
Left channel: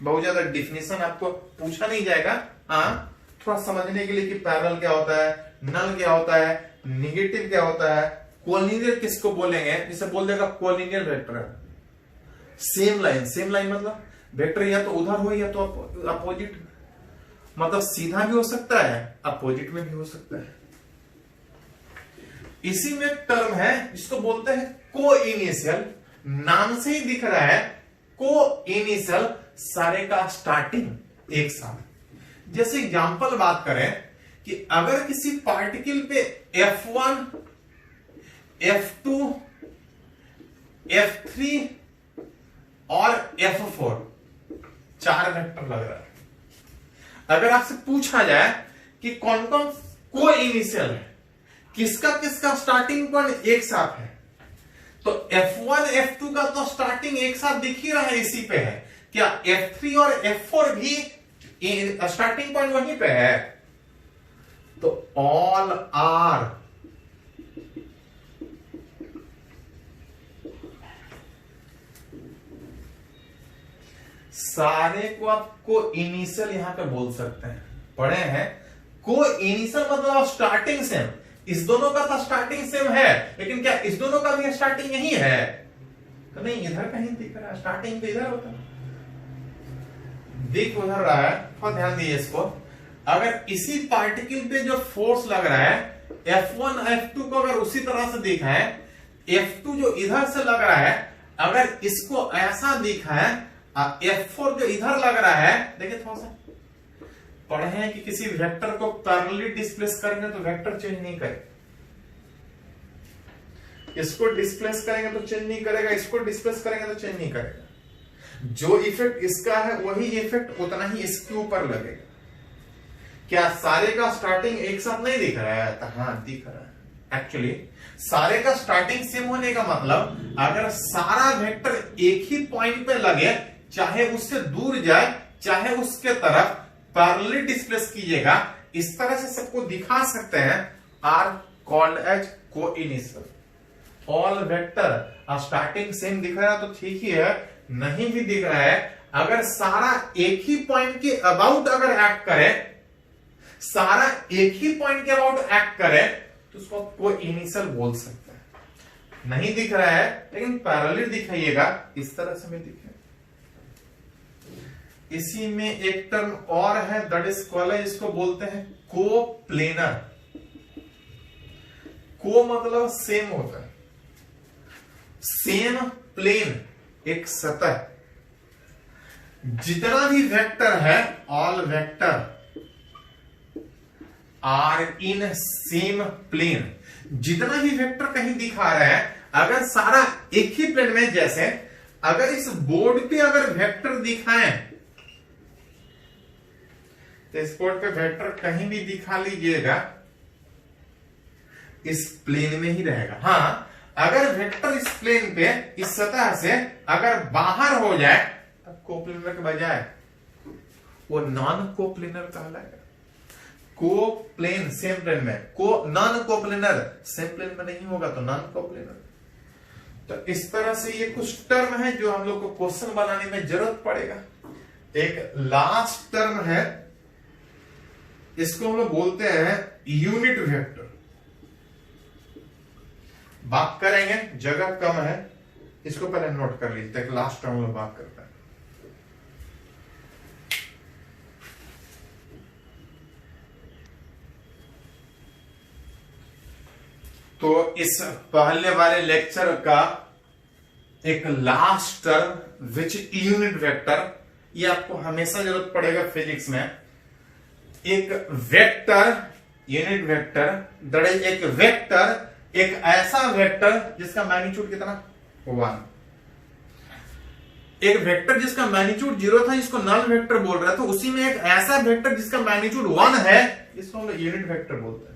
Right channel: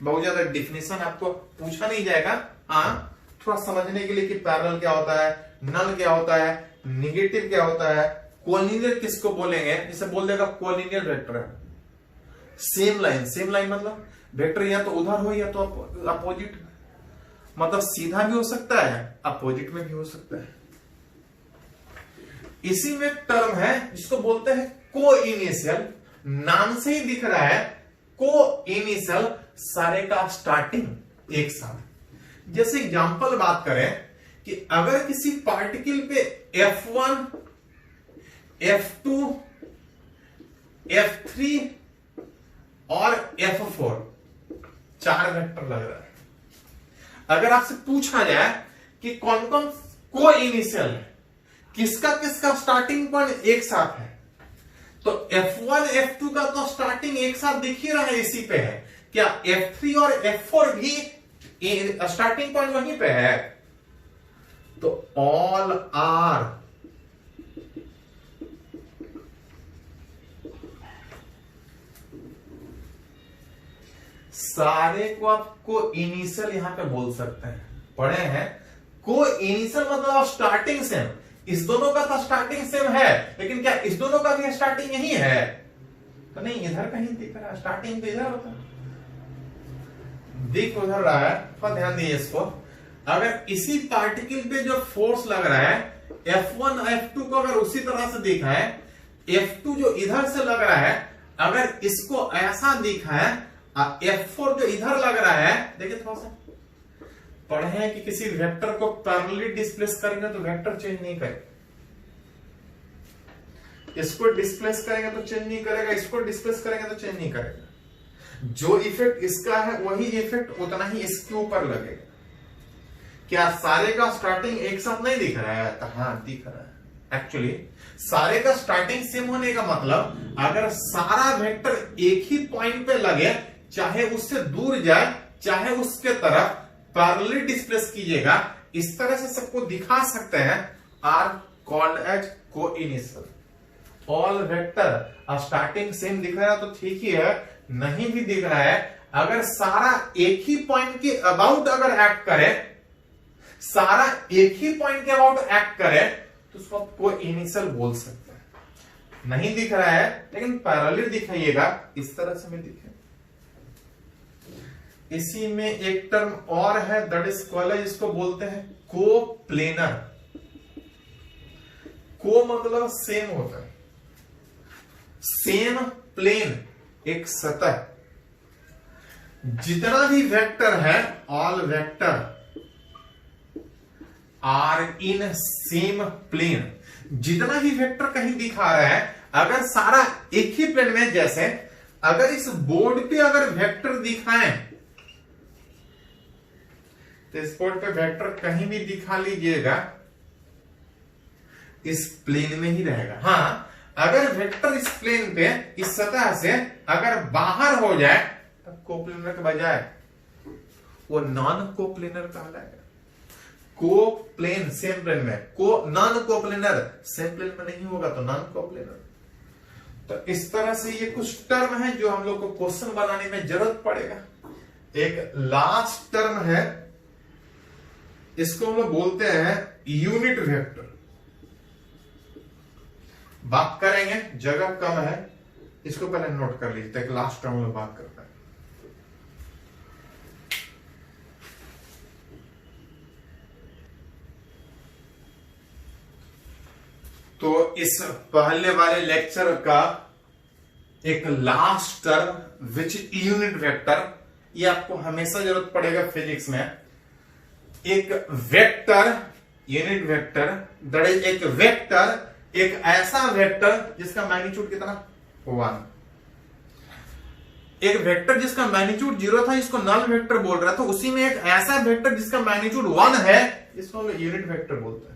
बहुत ज्यादा डिफिनेशन आपको पूछा नहीं जाएगा, हाँ थोड़ा समझने के लिए कि पैरेलल क्या होता है, नल क्या होता है, नेगेटिव क्या होता है, कोलिनियर किसको बोलेंगे, जिसे बोल देगा कोलिनियर वेक्टर है। सेम लाइन मतलब वेक्टर या तो उधर हो या तो अपोजिट, मतलब सीधा भी हो सकता है अपोजिट में भी हो सकता है। इसी में टर्म है जिसको बोलते हैं को इनिशियल, नाम से ही दिख रहा है को इनिशियल, सारे का स्टार्टिंग एक साथ। जैसे एग्जांपल बात करें कि अगर किसी पार्टिकल पे F1, F2, F3 और F4 4 वेक्टर लग रहा है, अगर आपसे पूछा जाए कि कौन कौन को इनिशियल है, किसका किसका स्टार्टिंग पॉइंट एक साथ है, तो F1 F2 का तो स्टार्टिंग एक साथ दिख ही रहा है, इसी पे है। क्या F3 और F4 भी स्टार्टिंग पॉइंट वहीं पे है? तो ऑल आर सारे को आप को इनिशियल यहां पे बोल सकते हैं, पढ़े हैं। को इनिशियल मतलब स्टार्टिंग सेम, इस दोनों का तो स्टार्टिंग सेम है, लेकिन क्या इस दोनों का भी स्टार्टिंग यही है? तो नहीं, इधर कहीं दिख रहा है, स्टार्टिंग तो इधर होता है, दिख उधर रहा है। तो ध्यान दीजिए इसको, अगर इसी पार्टिकल पे जो फोर्स लग रहा है F1 F2 को अगर उसी तरह से देखा है, F2 जो इधर से लग रहा है अगर इसको ऐसा देखा है, F4 जो इधर लग रहा है, देखिए थोड़ा सा पढ़े हैं कि किसी वेक्टर को पैरेलली डिस्प्लेस करेंगे तो वेक्टर चेंज नहीं करेगा, इसको डिस्प्लेस करेंगे तो चेंज नहीं करेगा, इसको डिस्प्लेस करेंगे तो चेंज नहीं करेगा। जो इफेक्ट इसका है वही इफेक्ट उतना ही इसके ऊपर लगेगा। क्या सारे का स्टार्टिंग एक साथ नहीं दिख रहा है? तो हाँ दिख रहा है। एक्चुअली सारे का स्टार्टिंग सेम होने का मतलब अगर सारा वेक्टर एक ही पॉइंट पे लगे, चाहे उससे दूर जाए चाहे उसके तरफ, पैरेलली डिस्प्लेस कीजिएगा, इस तरह से सबको दिखा सकते हैं, are called as coinitial. All vector starting same दिख रहा है तो ठीक ही है, नहीं भी दिख रहा है, अगर सारा एक ही पॉइंट के अबाउट अगर एक्ट करे, सारा एक ही पॉइंट के अबाउट एक्ट करे तो उसको कोइनिशियल बोल सकते हैं। नहीं दिख रहा है लेकिन पैरेलली दिखाइएगा, इस तरह से भी दिखे। इसी में एक टर्म और है, दैट इज कॉल्ड, इसको बोलते हैं कोप्लेनर। को मतलब सेम होता है, सेम प्लेन, एक सतह। जितना भी वेक्टर है, all vector are in same plane. जितना भी वेक्टर कहीं दिखा रहा है, अगर सारा एक ही प्लेन में, जैसे अगर इस बोर्ड पे अगर वेक्टर दिखाएं, तो इस बोर्ड पे वेक्टर कहीं भी दिखा लीजिएगा, इस प्लेन में ही रहेगा। हाँ, अगर वेक्टर इस प्लेन पे, इस सतह से अगर बाहर हो जाए, तो कोप्लेनर के बजाय वो नॉन कोप्लेनर कहलाएगा। कोप्लेन सेम प्लेन में, को नॉन कोप्लेनर सेम प्लेन में नहीं होगा तो नॉन कोप्लेनर। तो इस तरह से ये कुछ टर्म है जो हम लोग को क्वेश्चन बनाने में जरूरत पड़ेगा। एक लास्ट टर्म है, इसको हम लोग बोलते हैं यूनिट वेक्टर। बात करेंगे, जगह कम है, इसको पहले नोट कर लीजिए, एक लास्ट टर्म में बात करते हैं। तो इस पहले वाले लेक्चर का एक last term which unit vector, ये आपको हमेशा जरूरत पड़ेगा फिजिक्स में। एक vector, unit vector, that is एक वेक्टर, एक ऐसा वेक्टर जिसका मैग्नीट्यूड कितना, 1। एक वेक्टर जिसका मैग्नीट्यूड 0 था, इसको नल वेक्टर बोल रहा है, तो उसी में एक ऐसा वेक्टर जिसका मैग्नीट्यूड 1 है, इसको हम लोग यूनिट वेक्टर बोलते हैं।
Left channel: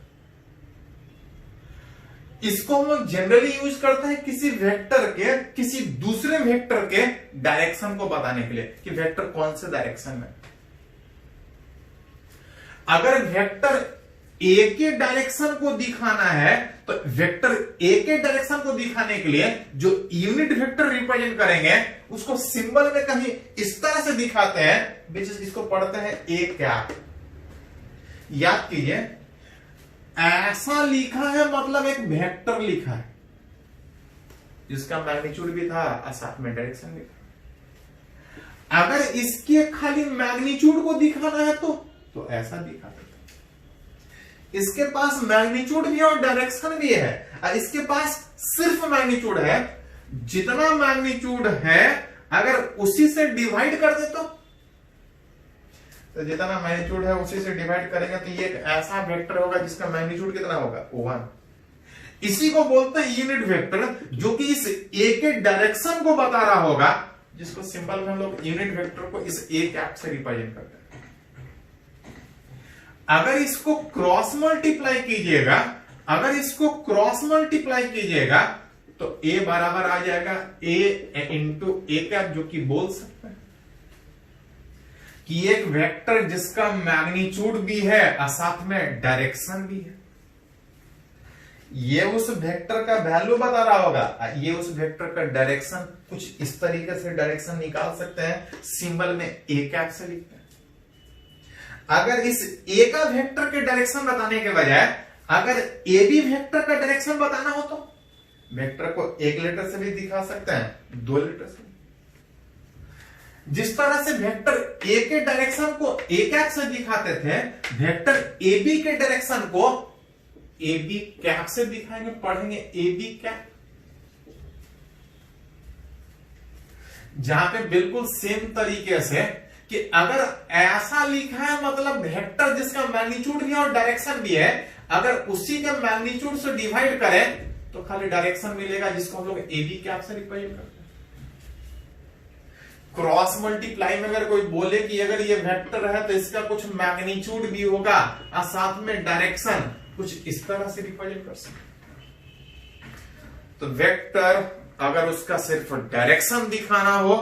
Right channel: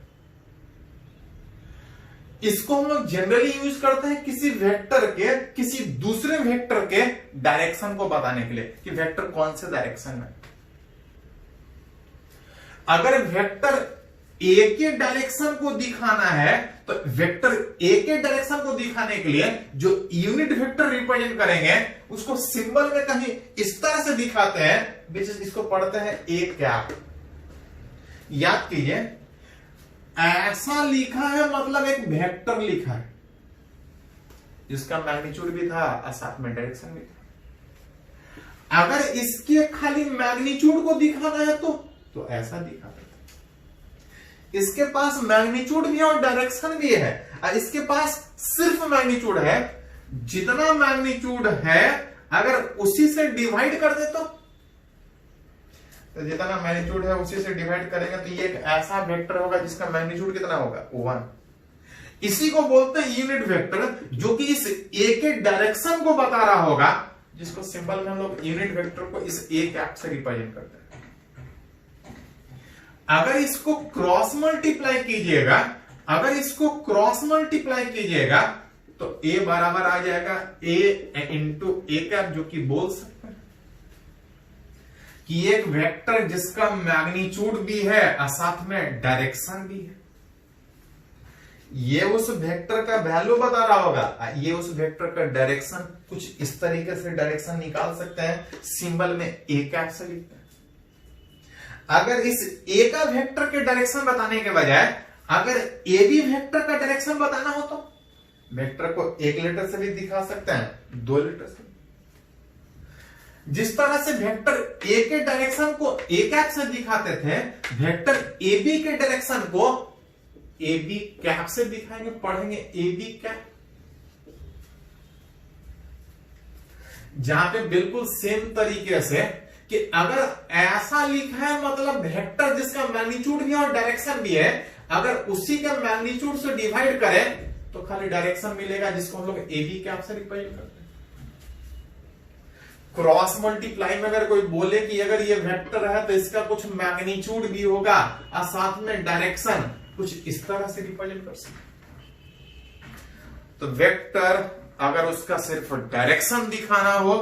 इसको हम लोग जनरली यूज करते हैं किसी वेक्टर के किसी दूसरे वेक्टर के डायरेक्शन को बताने के लिए कि वेक्टर कौन से डायरेक्शन में। अगर वेक्टर ए के डायरेक्शन को दिखाना है, तो वेक्टर ए के डायरेक्शन को दिखाने के लिए जो यूनिट वेक्टर रिप्रेजेंट करेंगे उसको सिंबल में कहीं इस तरह से दिखाते हैं, विच इसको पढ़ते हैं ए कैप। याद कीजिए, ऐसा लिखा है मतलब एक वेक्टर लिखा है, जिसका मैग्नीट्यूड भी था और साथ में डायरेक्शन भी था। अगर इसके खाली मैग्नीट्यूड को दिखाना है तो ऐसा दिखा देता। इसके पास मैग्नीट्यूड भी और डायरेक्शन भी है, और इसके पास सिर्फ मैग्नीट्यूड है। जितना मैग्नीट्यूड है अगर उसी से डिवाइड कर दे तो जितना मैग्नीट्यूड है उसी से डिवाइड करेंगे तो ये एक ऐसा वेक्टर होगा जिसका मैग्नीट्यूड कितना होगा 1। इसी को बोलते हैं यूनिट वेक्टर, जो कि इस ए के डायरेक्शन को बता रहा होगा, जिसको सिंबल में हम लोग यूनिट वेक्टर को इस ए कैप से रिप्रेजेंट करते हैं। अगर इसको क्रॉस मल्टीप्लाई कीजिएगा तो ए बराबर आ जाएगा ए इंटू ए कैप, जो कि बोल सकते हैं कि एक वेक्टर जिसका मैग्नीट्यूड भी है और साथ में डायरेक्शन भी है, ये उस वेक्टर का वैल्यू बता रहा होगा। ये उस वेक्टर का डायरेक्शन कुछ इस तरीके से डायरेक्शन निकाल सकते हैं, सिंबल में ए कैप से लिखते हैं। अगर इस ए का वेक्टर के डायरेक्शन बताने के बजाय अगर ए बी वेक्टर का डायरेक्शन बताना हो तो वेक्टर को एक लेटर से भी दिखा सकते हैं, 2 लेटर से। जिस तरह से वेक्टर ए के डायरेक्शन को ए कैप से दिखाते थे, वेक्टर ए बी के डायरेक्शन को ए बी कैप से दिखाएंगे, पढ़ेंगे ए बी कैप। जहां पे बिल्कुल सेम तरीके से कि अगर ऐसा लिखा है मतलब वेक्टर जिसका मैग्नीट्यूड भी है और डायरेक्शन भी है, अगर उसी का मैग्नीट्यूड से डिवाइड करें तो खाली डायरेक्शन मिलेगा, जिसको हम लोग ए बी कैप से रिप्रेजेंट करते हैं। क्रॉस मल्टीप्लाई में अगर कोई बोले कि अगर ये वेक्टर है तो इसका कुछ मैग्नीट्यूड भी होगा और साथ में डायरेक्शन, कुछ इस तरह से रिप्रेजेंट कर सकते। तो वेक्टर अगर उसका सिर्फ डायरेक्शन दिखाना हो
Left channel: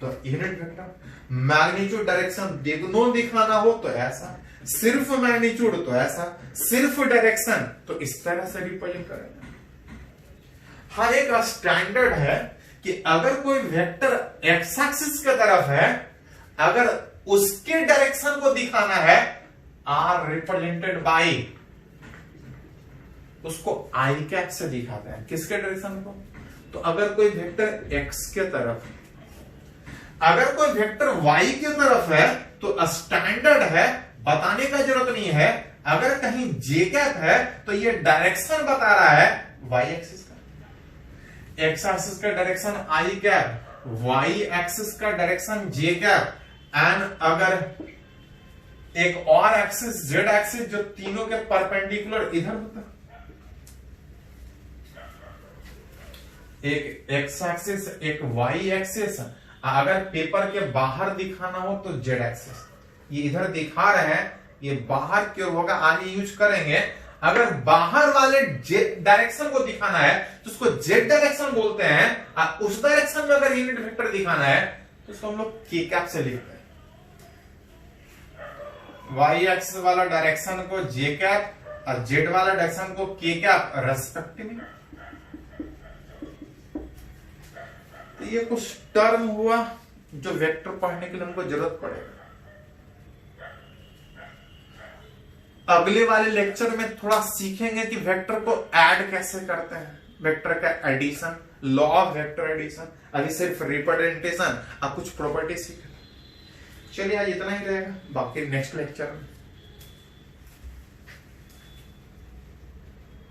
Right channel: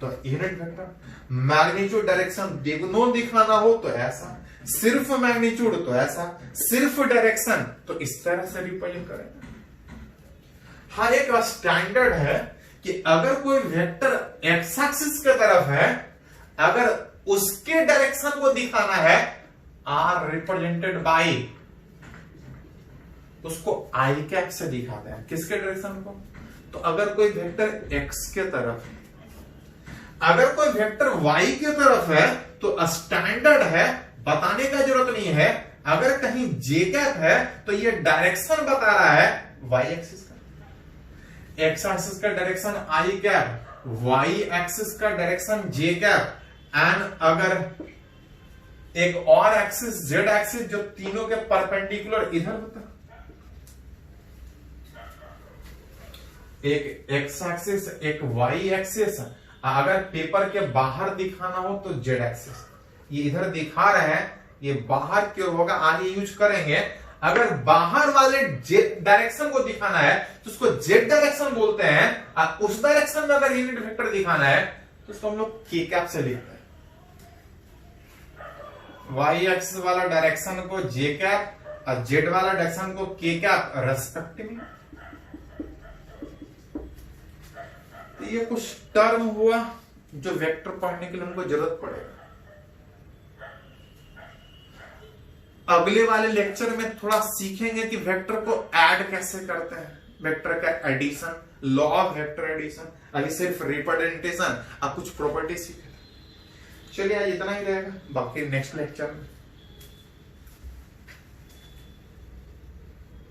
तो यूनिट वेक्टर, मैग्नीट्यूड डायरेक्शन दोनों दिखाना हो तो ऐसा, सिर्फ मैग्नीट्यूड तो ऐसा, सिर्फ डायरेक्शन तो इस तरह से रिप्रेजेंट करेंगे। हाँ, एक स्टैंडर्ड है कि अगर कोई वेक्टर एक्स एक्सिस की तरफ है, अगर उसके डायरेक्शन को दिखाना है आर रिप्रेजेंटेड बाय, उसको आई कैप से दिखाते हैं। किसके डायरेक्शन को? तो अगर कोई वेक्टर एक्स के तरफ, अगर कोई वेक्टर वाई की तरफ है तो स्टैंडर्ड है, बताने का जरूरत नहीं है। अगर कहीं जे कैप है तो ये डायरेक्शन बता रहा है वाई एक्सिस का, एक्स एक्सिस का direction I cap, Y axis का डायरेक्शन जे कैप, एंड अगर एक और एक्सिस जेड एक्सिस जो तीनों के परपेंडिकुलर इधर होता है, एक एक्स एक्सिस एक वाई एक्सिस, अगर पेपर के बाहर दिखाना हो तो जेड एक्सिस। ये इधर दिखा रहे हैं, ये बाहर की ओर होगा, आगे यूज करेंगे। अगर बाहर वाले जेड डायरेक्शन को दिखाना है तो उसको जेड डायरेक्शन बोलते हैं, और उस डायरेक्शन में अगर यूनिट वेक्टर दिखाना है तो उसको हम लोग के कैप से लिखते हैं। वाई एक्सिस वाला डायरेक्शन को जे कैप और जेड वाला डायरेक्शन को के कैप रेस्पेक्टिवली। तो ये कुछ टर्म हुआ जो वेक्टर पढ़ने के लिए हमको जरूरत पड़ेगा। अगले वाले लेक्चर में थोड़ा सीखेंगे कि वेक्टर को ऐड कैसे करते हैं, वेक्टर का addition, law of vector addition. अभी सिर्फ रिप्रेजेंटेशन और कुछ प्रॉपर्टी सीखे। चलिए आज इतना ही रहेगा, बाकी नेक्स्ट लेक्चर में